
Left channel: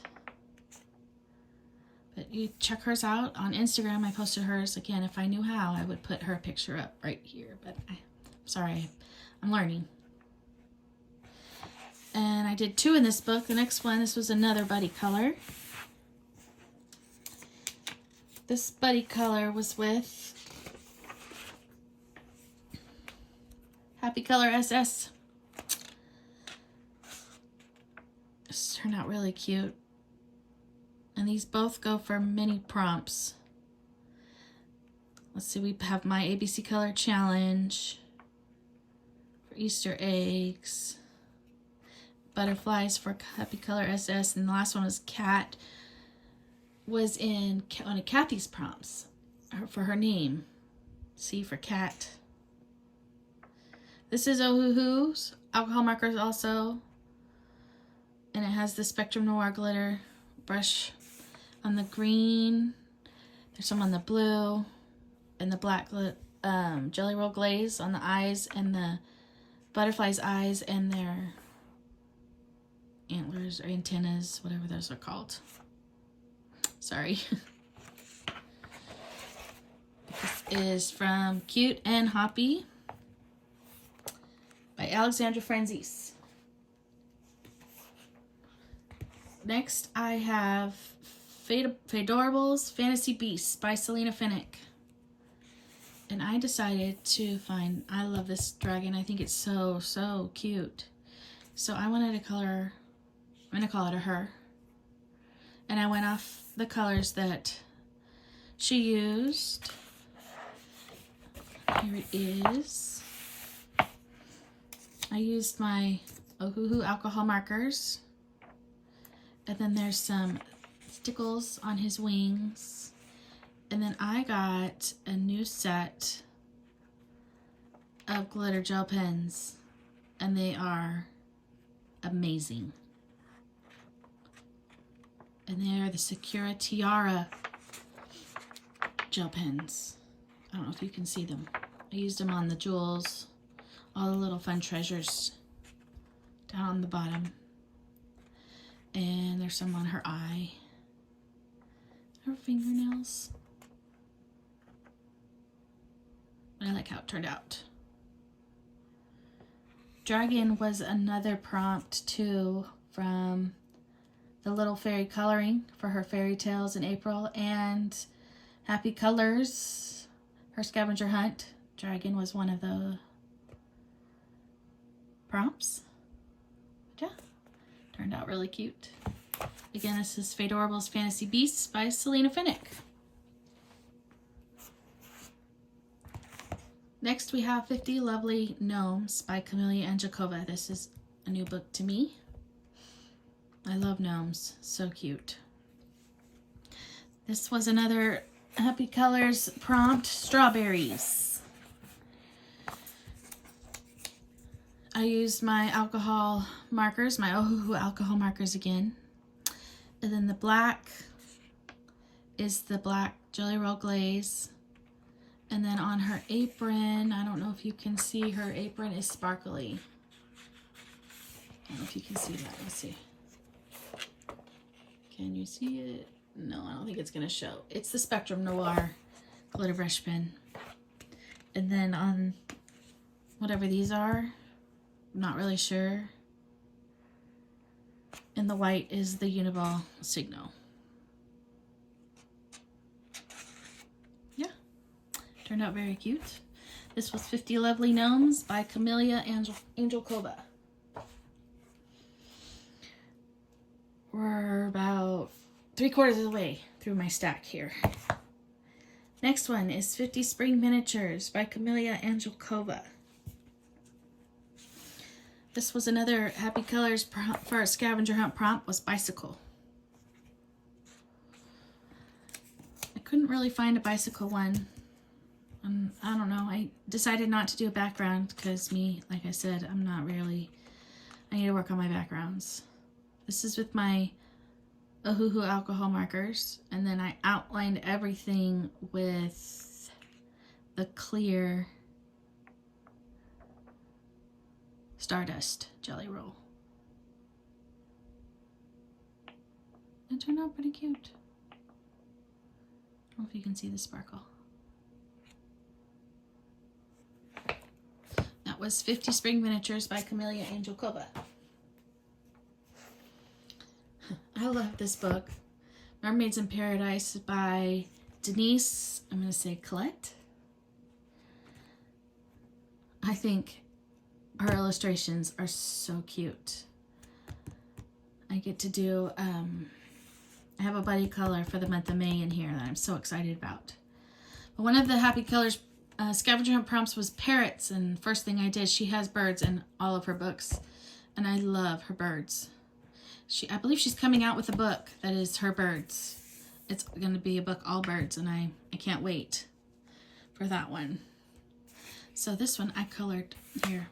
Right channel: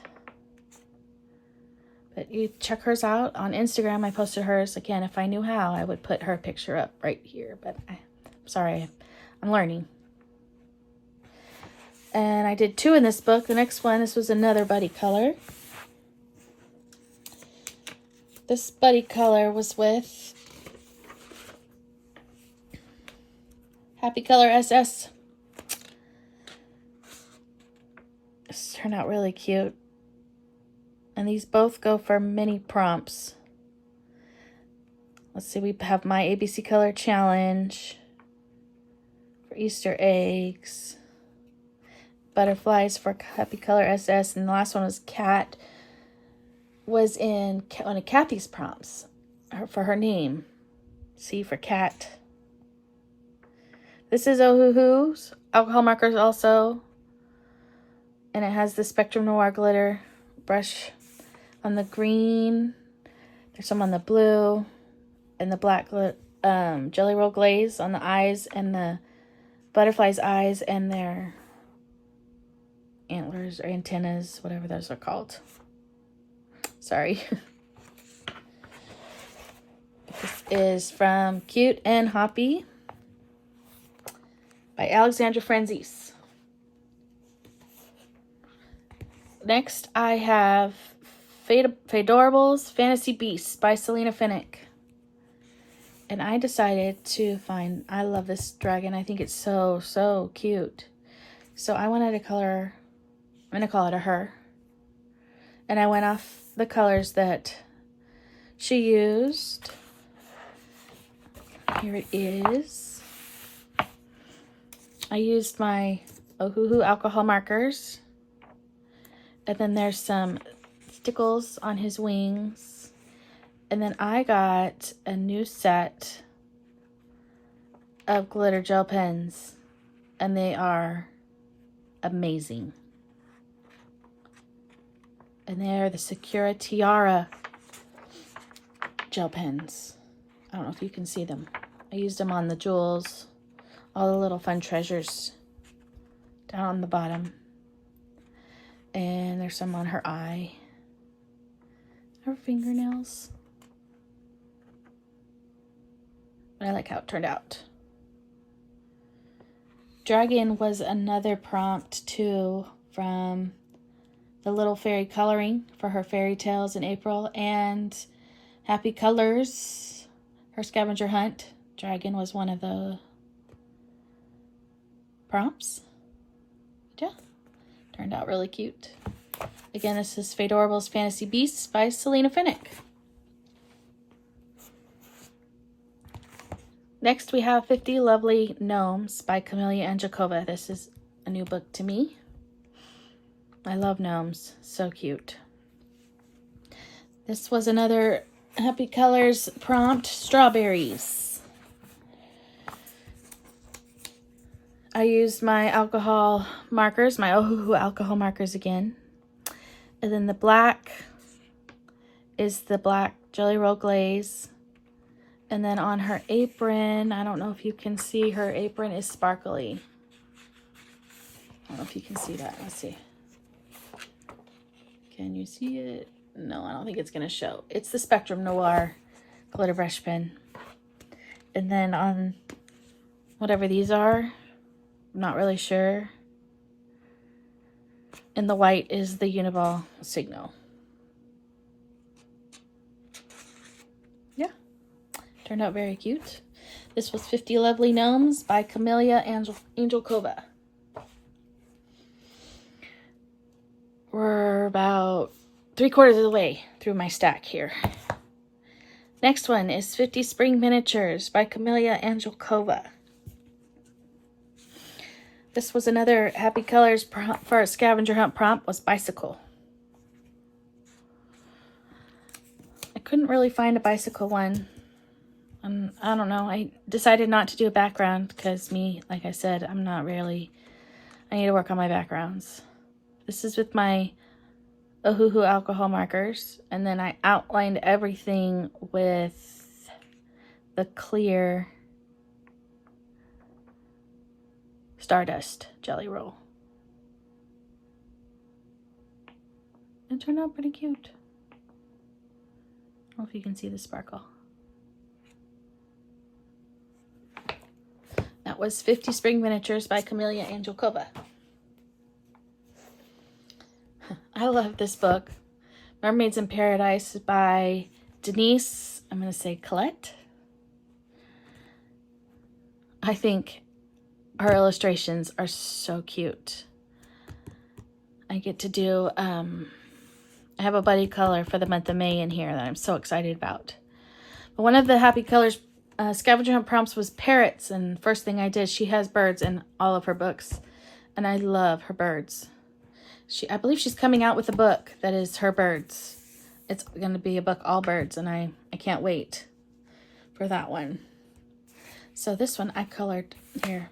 But you check hers out on Instagram. I posted hers. Again, if I knew how, I would put her picture up right here. But I'm sorry, I'm learning. And I did 2 in this book. The next one, this was another buddy color. This buddy color was with Happy Color SS. This turned out really cute. And these both go for mini prompts. Let's see, we have my ABC Color Challenge for Easter eggs. Butterflies for Happy Color SS. And the last one was Cat. Was in one of Kathy's prompts for her name. C for cat. This is Ohuhu's alcohol markers also. And it has the Spectrum Noir glitter brush on the green. There's some on the blue. And the black Jelly Roll Glaze on the eyes and the butterfly's eyes and their antlers or antennas, whatever those are called. Sorry. This is from Cute and Hoppy by Alexandra Franzese. Next, I have Fadorables Fantasy Beasts by Selena Finnick. And I decided to find, I love this dragon. I think it's so, so cute. So I wanted to color, I'm going to call it a her. And I went off the colors that she used. Here it is. I used my Ohuhu alcohol markers. And then there's some stickles on his wings. And then I got a new set of glitter gel pens. And they are amazing. And they're the Sakura Tiara gel pens. I don't know if you can see them. I used them on the jewels, all the little fun treasures down on the bottom. And there's some on her eye, her fingernails. I like how it turned out. Dragon was another prompt too from the Little Fairy Coloring for her fairy tales in April, and Happy Colors, her scavenger hunt. Dragon was one of the prompts. Yeah, turned out really cute. Again, this is Fadorable's Fantasy Beasts by Selena Finnick. Next, we have 50 Lovely Gnomes by Camellia Angelkova. This is a new book to me. I love gnomes. So cute. This was another Happy Colors prompt, Strawberries. I used my alcohol markers, my Ohuhu alcohol markers again. And then the black is the black Jelly Roll Glaze. And then on her apron, I don't know if you can see, her apron is sparkly. I don't know if you can see that. Let's see. Can you see it? No, I don't think it's going to show. It's the Spectrum Noir glitter brush pen. And then on whatever these are, I'm not really sure. And the white is the Uniball Signal. Yeah, turned out very cute. This was 50 Lovely Gnomes by Camellia Angelkova. We're about 3/4 of the way through my stack here. Next one is 50 Spring Miniatures by Camellia Angelkova. This was another Happy Colors prompt for a scavenger hunt prompt, was bicycle. I couldn't really find a bicycle one. I don't know. I decided not to do a background because me, like I said, I'm not really, I need to work on my backgrounds. This is with my Ohuhu alcohol markers, and then I outlined everything with the clear Stardust Jelly Roll. It turned out pretty cute. I don't know if you can see the sparkle. That was 50 Spring Miniatures by Camellia Angelkova. I love this book. Mermaids in Paradise by Denise, I'm going to say Colette. I think her illustrations are so cute. I get to do, I have a buddy color for the month of May in here that I'm so excited about. But one of the Happy Colors scavenger hunt prompts was parrots, and first thing I did, she has birds in all of her books, and I love her birds. I believe she's coming out with a book that is her birds. It's going to be a book all birds, and I can't wait for that one. So this one I colored here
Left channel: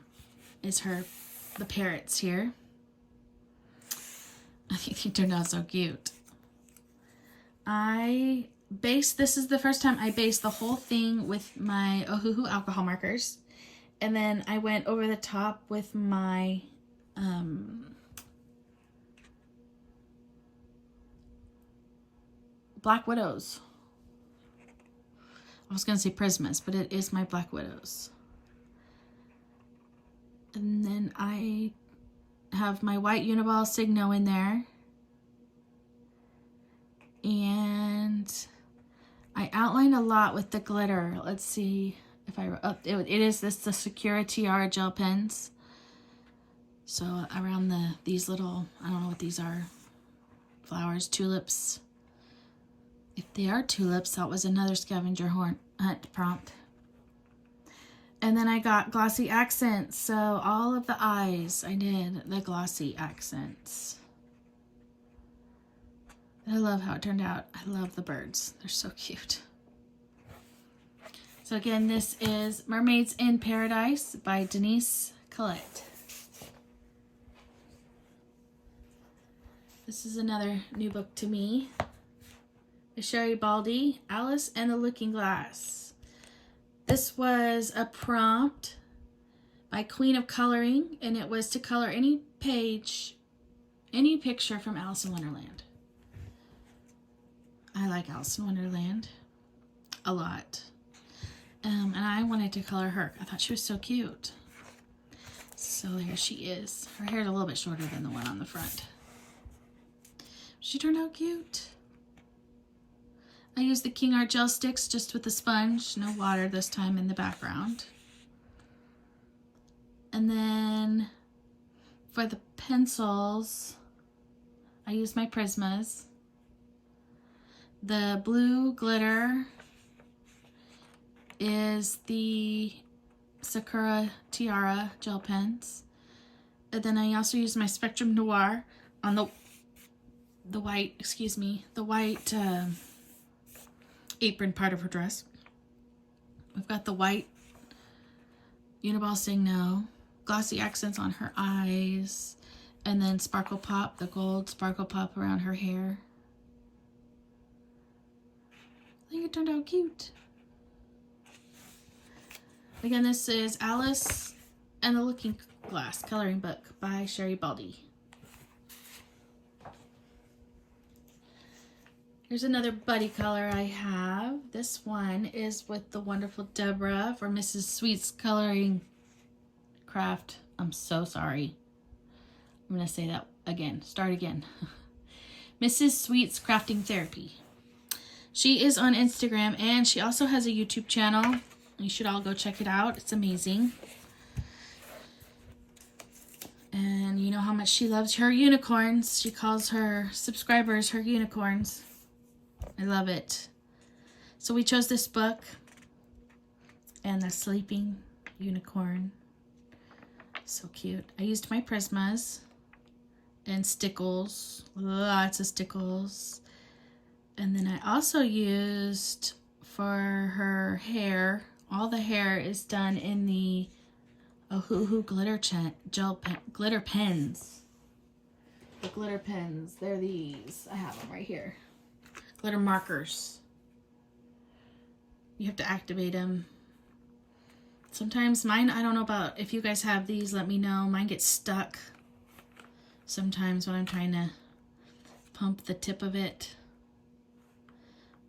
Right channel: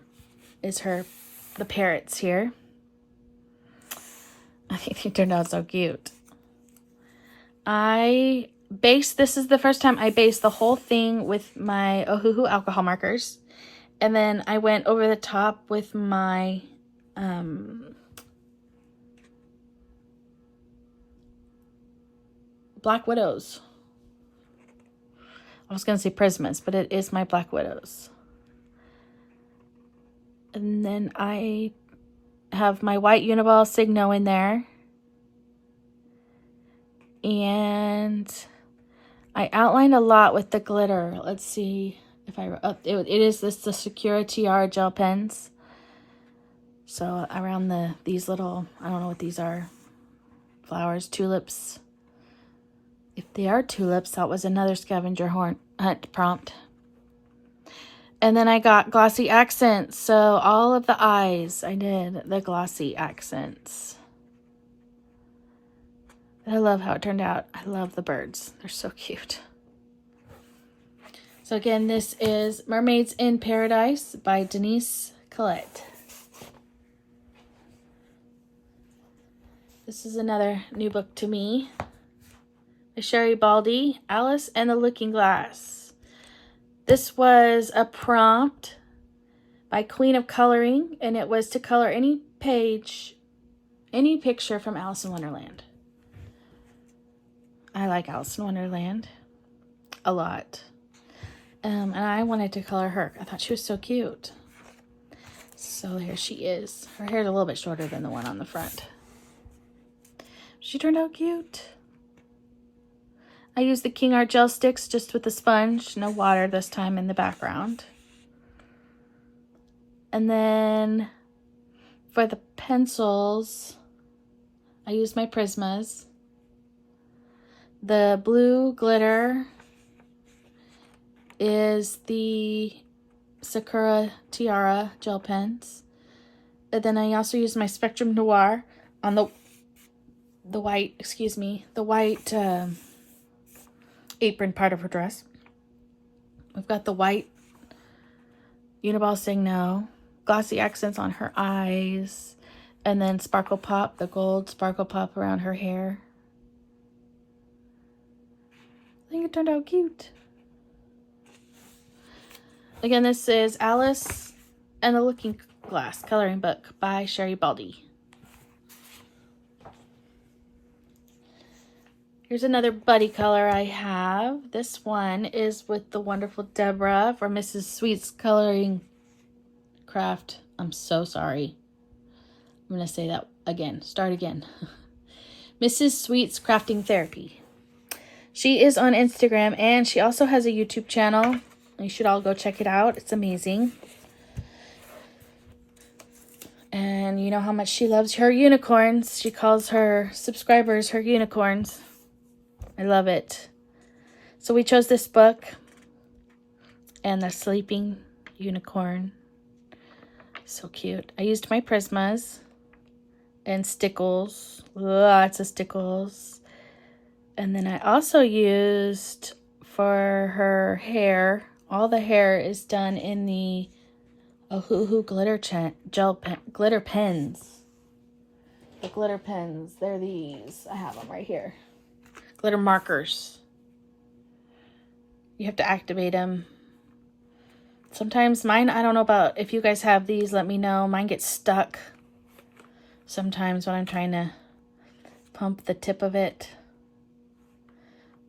is the parrots here. I think they turned out so cute. This is the first time I based the whole thing with my Ohuhu alcohol markers. And then I went over the top with my Black Widows. I was going to say Prismas, but it is my Black Widows. And then I have my white Uniball Signo in there. And I outlined a lot with the glitter. Let's see if it is the Secura Tiara gel pens. So around these little, I don't know what these are, flowers, tulips. If they are tulips, that was another scavenger hunt prompt. And then I got glossy accents. So all of the eyes, I did the glossy accents. I love how it turned out. I love the birds. They're so cute. So again, this is Mermaids in Paradise by Denise Colette. This is another new book to me. Sherry Baldy, Alice and the Looking Glass. This was a prompt by Queen of Coloring, and it was to color any page, any picture from Alice in Wonderland. I like Alice in Wonderland a lot. And I wanted to color her. I thought she was so cute. So here she is. Her hair's a little bit shorter than the one on the front. She turned out cute. I used the King Art gel sticks just with the sponge. No water this time in the background. And then for the pencils, I used my Prismas. The blue glitter is the Sakura Tiara gel pens. And then I also used my Spectrum Noir on the white apron part of her dress. We've got the white Uniball Sing No, glossy accents on her eyes, and then Sparkle Pop, the gold Sparkle Pop around her hair. I think it turned out cute. Again, this is Alice and the Looking Glass coloring book by Sherry Baldy. Here's another buddy color I have. This one is with the wonderful Deborah for Mrs. Sweet's Coloring Craft. I'm so sorry. I'm going to say that again. Start again. Mrs. Sweet's Crafting Therapy. She is on Instagram and she also has a YouTube channel. You should all go check it out. It's amazing. And you know how much she loves her unicorns. She calls her subscribers her unicorns. I love it. So we chose this book and the sleeping unicorn. So cute. I used my Prismas and stickles. Lots of stickles. And then I also used for her hair. All the hair is done in the Ohuhu glitter glitter pens. The glitter pens. They're these. I have them right here. Glitter markers. You have to activate them. Sometimes mine, I don't know about if you guys have these, let me know. Mine gets stuck sometimes when I'm trying to pump the tip of it.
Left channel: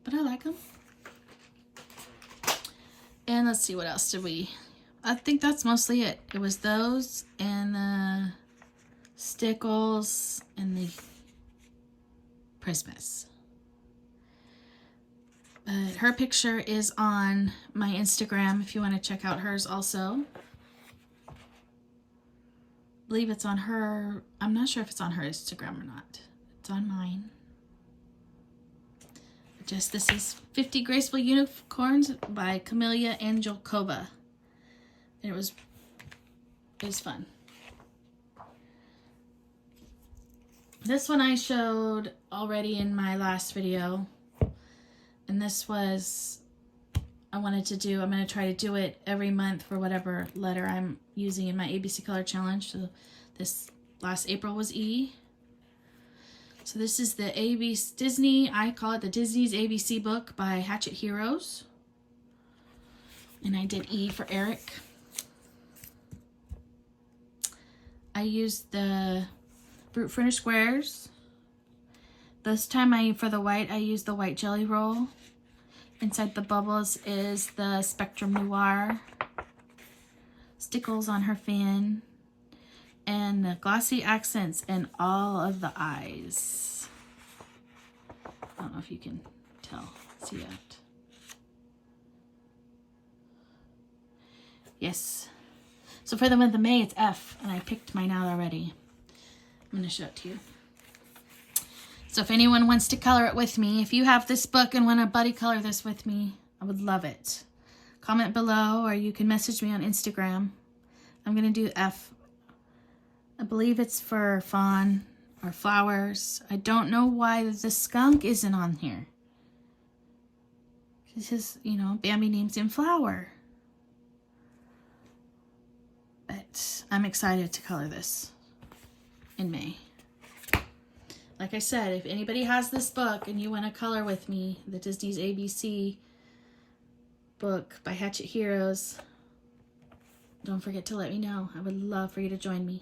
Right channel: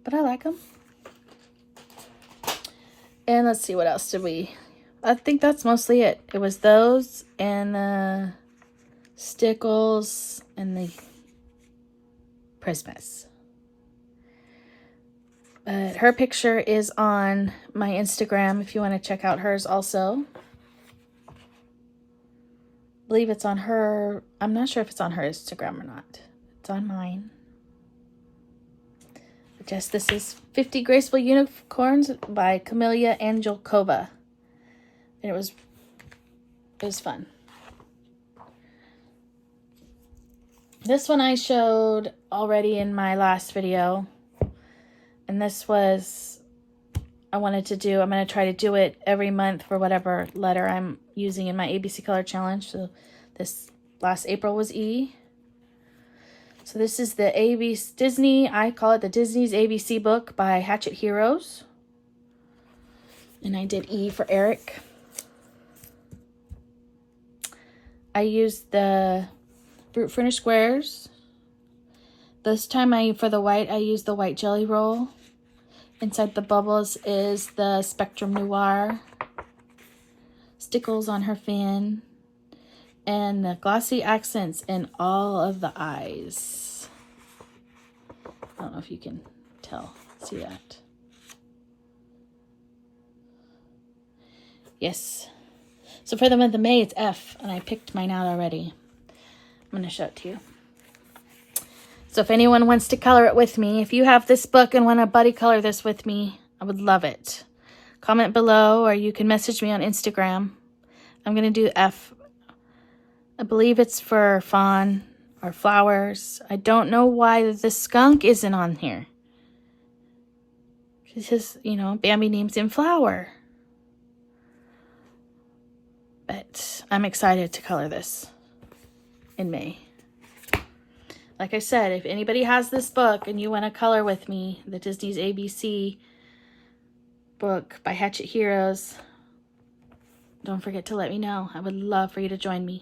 But I like them. And let's see, what else did we... I think that's mostly it. It was those and the stickles and the Prismas. Her picture is on my Instagram if you want to check out hers also. I believe it's on her... I'm not sure if it's on her Instagram or not. It's on mine. Just this is 50 Graceful Unicorns by Camelia Angelkova. And it was fun. This one I showed already in my last video. And this was, I wanted to do, I'm going to try to do it every month for whatever letter I'm using in my ABC Color Challenge. So this last April was E. So this is the Disney, I call it the Disney's ABC book by Hatchet Heroes. And I did E for Eric. I used the Brute Furnish Squares. This time for the white, I used the white jelly roll. Inside the bubbles is the Spectrum Noir. Stickles on her fin. And the glossy accents in all of the eyes. I don't know if you can see that. Yes. So for the month of May, it's F, and I picked mine out already. I'm going to show it to you. So if anyone wants to color it with me, if you have this book and want to buddy color this with me, I would love it. Comment below, or you can message me on Instagram. I'm going to do F. I believe it's for fawn or flowers. I don't know why the skunk isn't on here. It's just, you know, Bambi names him Flower. But I'm excited to color this in May. Like I said, if anybody has this book and you want to color with me, the Disney's ABC book by Hatchet Heroes, don't forget to let me know. I would love for you to join me.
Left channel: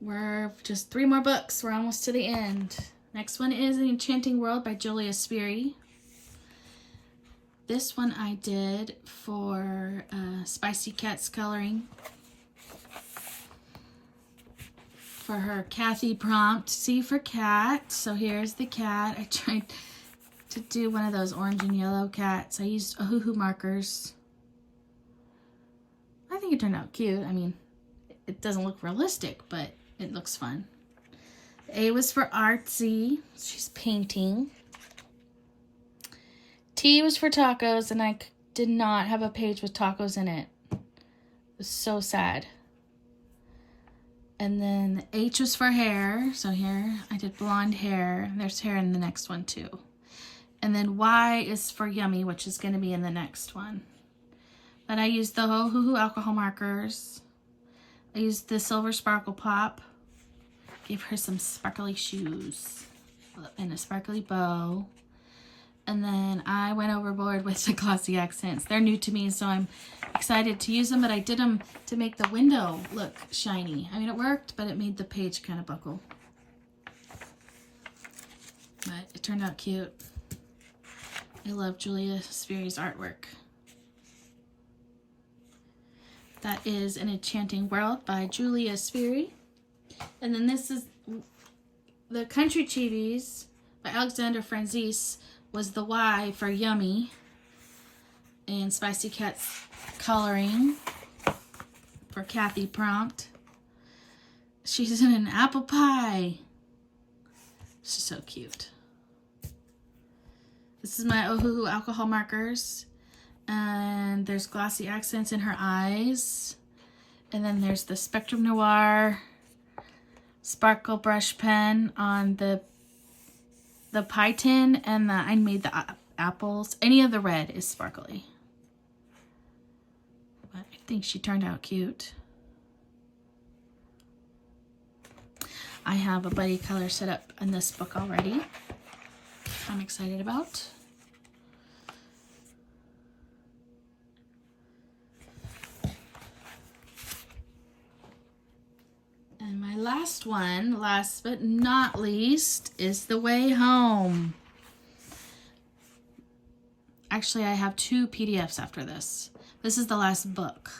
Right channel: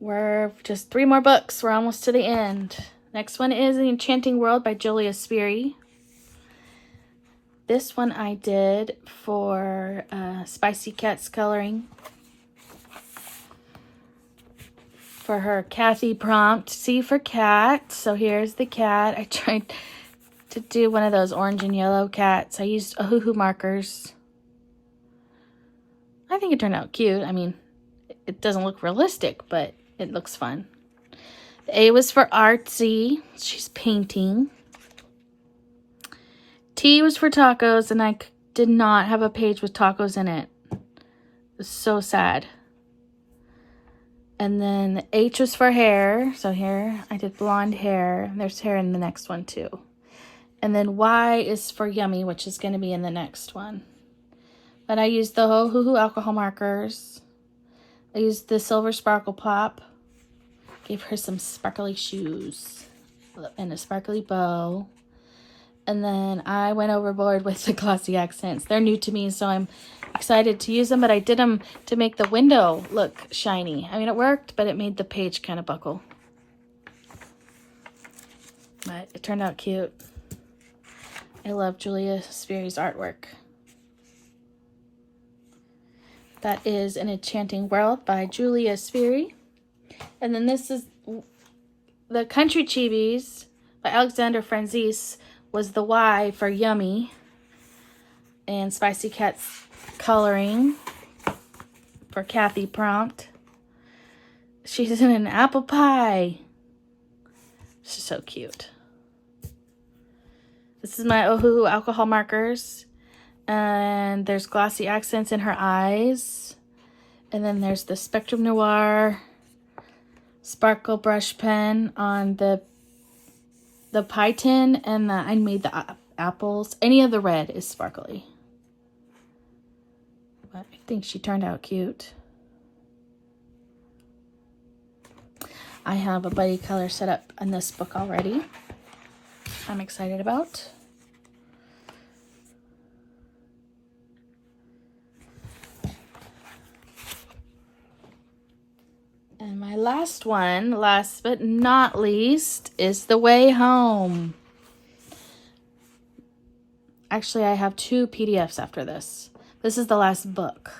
We're just 3 more books. We're almost to the end. Next one is The Enchanting World by Julia Sperry. This one I did for Spicy Cat's Coloring. For her Kathy prompt, C for cat. So here's the cat. I tried to do one of those orange and yellow cats. I used Ohuhu markers. I think it turned out cute. I mean, it doesn't look realistic, but it looks fun. The A was for artsy. She's painting. T was for tacos, and I did not have a page with tacos in it. It was so sad. And then the H was for hair. So here I did blonde hair. There's hair in the next one too. And then Y is for yummy, which is going to be in the next one. But I used the Ohuhu alcohol markers. I used the silver sparkle pop. Gave her some sparkly shoes and a sparkly bow. And then I went overboard with the glossy accents. They're new to me, so I'm excited to use them, but I did them to make the window look shiny. I mean, it worked, but it made the page kind of buckle. But it turned out cute. I love Julia Sperry's artwork. That is An Enchanting World by Julia Sperry. And then this is The Country Chibis by Alexander Franzese. Was the Y for yummy. And Spicy Cat's Coloring for Kathy prompt. She's in an apple pie. She's so cute. This is my Ohuhu alcohol markers. And there's glossy accents in her eyes. And then there's the Spectrum Noir sparkle brush pen on the pie tin, and I made the apples. Any of the red is sparkly. But I think she turned out cute. I have a buddy color set up in this book already. I'm excited about. And my last one, last but not least, is The Way Home. Actually, I have 2 PDFs after this. This is the last book.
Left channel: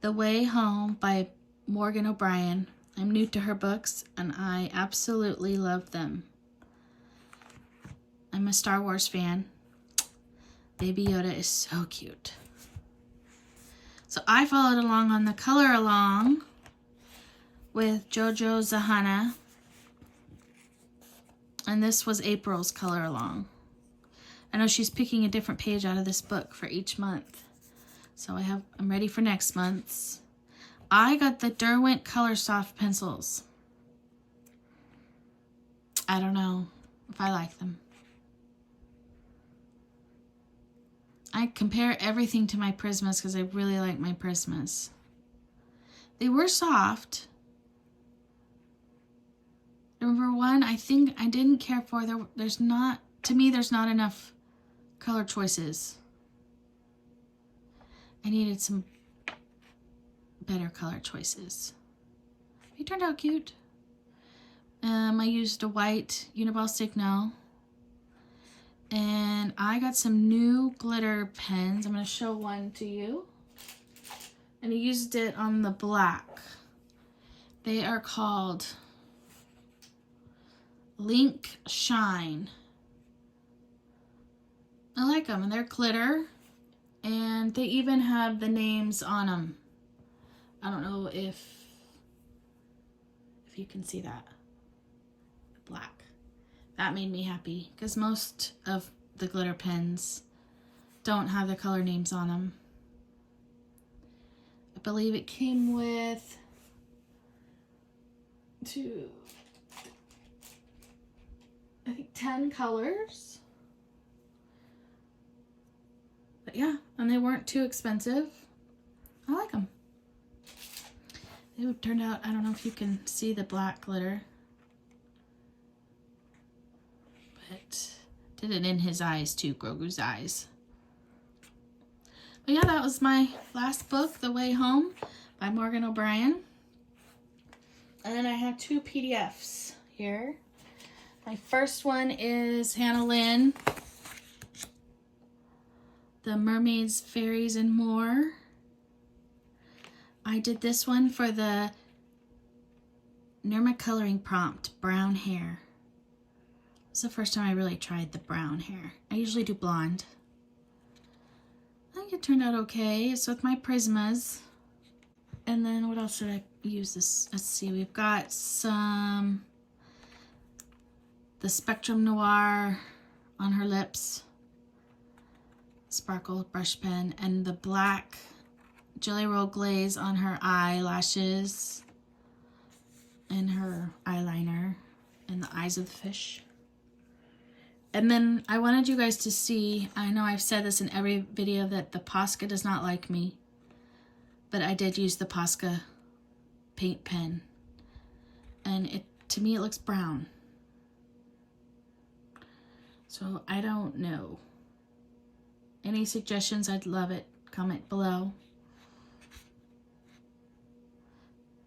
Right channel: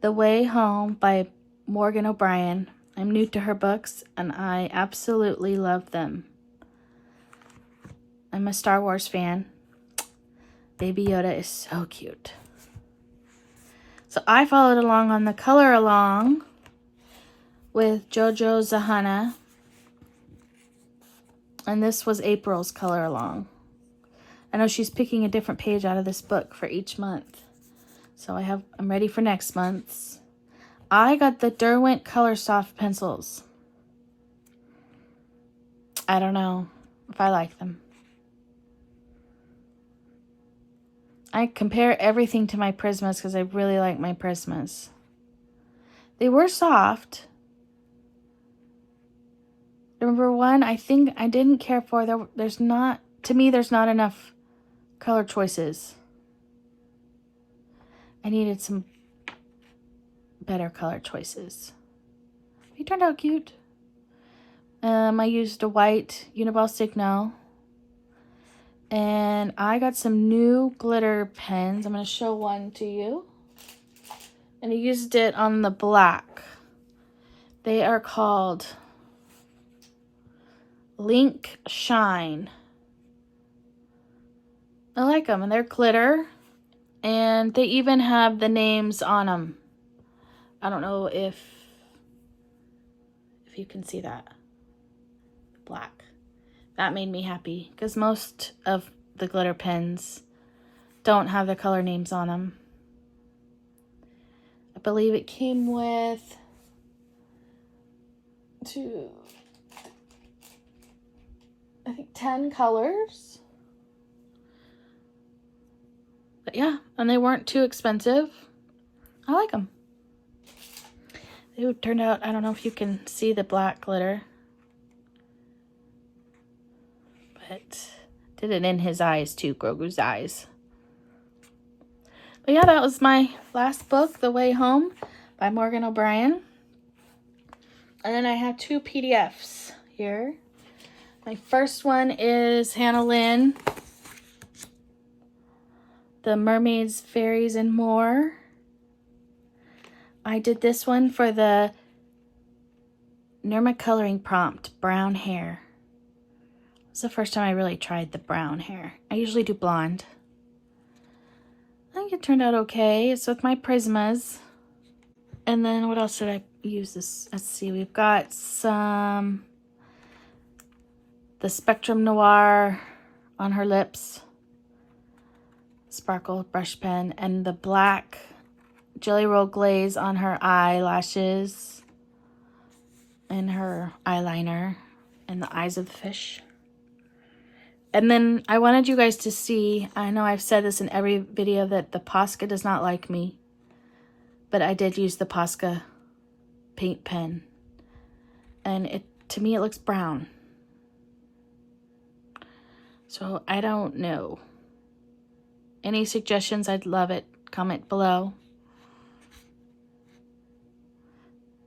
The Way Home by Morgan O'Brien. I'm new to her books, and I absolutely love them. I'm a Star Wars fan. Baby Yoda is so cute. So I followed along on the color along with Jojo Zahana. And this was April's color along. I know she's picking a different page out of this book for each month. So I'm ready for next month's. I got the Derwent Color Soft pencils. I don't know if I like them. I compare everything to my Prismas because I really like my Prismas. They were soft. Number one, I think I didn't care for, there's not enough color choices. I needed some better color choices. He turned out cute. I used a white Uniball Signo. And I got some new glitter pens. I'm going to show one to you. And I used it on the black. They are called Link Shine. I like them, and they're glitter, and they even have the names on them. I don't know if you can see that. Black. That made me happy because most of the glitter pens don't have the color names on them. I believe it came with 10 colors. But yeah, and they weren't too expensive. I like them. They turned out, I don't know if you can see the black glitter. But Did it in his eyes too, Grogu's eyes. But yeah, that was my last book, The Way Home by Morgan O'Brien. And then I have 2 PDFs here. My first one is Hannah Lynn, The Mermaids, Fairies, and More. I did this one for the Nirma coloring prompt, brown hair. It's the first time I really tried the brown hair. I usually do blonde. I think it turned out okay. It's with my Prismas. And then what else did I use this? Let's see, we've got the Spectrum Noir on her lips, sparkle brush pen, and the black Jelly Roll Glaze on her eyelashes and her eyeliner and the eyes of the fish. And then I wanted you guys to see, I know I've said this in every video, that the Posca does not like me, but I did use the Posca paint pen, and to me it looks brown. So I don't know. Any suggestions? I'd love it. Comment below.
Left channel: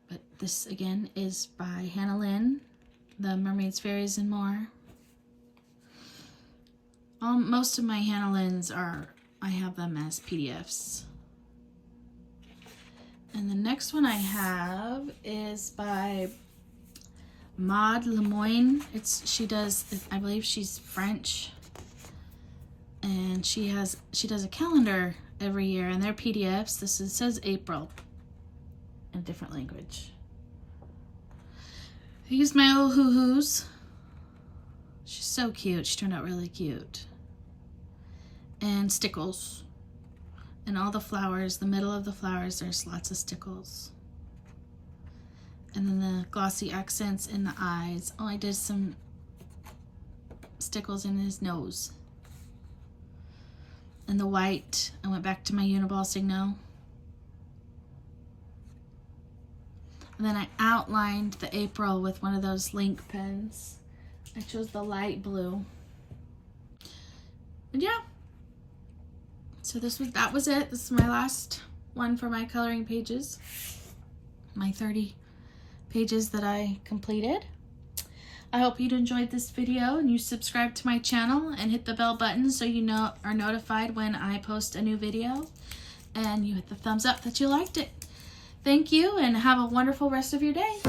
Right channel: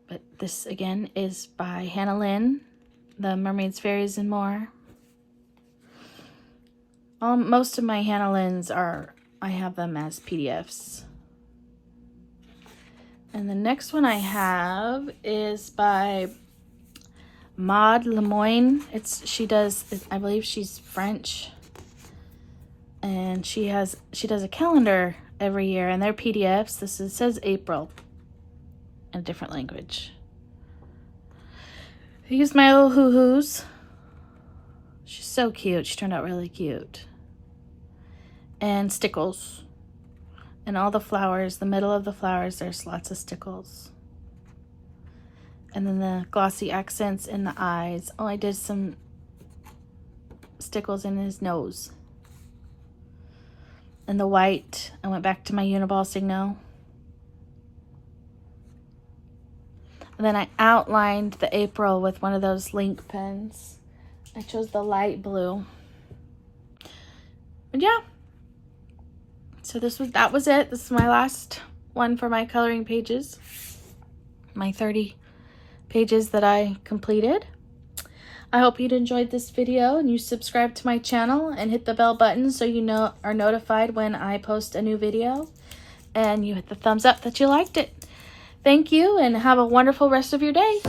But this again is by Hannah Lynn, The Mermaids, Fairies, and More. Most of my Hannah Lynn's I have them as PDFs. And the next one I have is by Maud Lemoyne. I believe she's French, and she does a calendar every year, and they're PDFs. It says April in a different language. I used my little hoo-hoos. She's so cute. She turned out really cute. And stickles. And all the flowers, the middle of the flowers, there's lots of stickles. And then the glossy accents in the eyes. Oh, I did some stickles in his nose. And the white, I went back to my Uniball Signo. And then I outlined the April with one of those link pens. I chose the light blue. And yeah. So that was it. This is my last one for my coloring pages. My 30 pages that I completed. I hope you'd enjoyed this video and you subscribe to my channel and hit the bell button so you are notified when I post a new video, and you hit the thumbs up that you liked it. Thank you and have a wonderful rest of your day.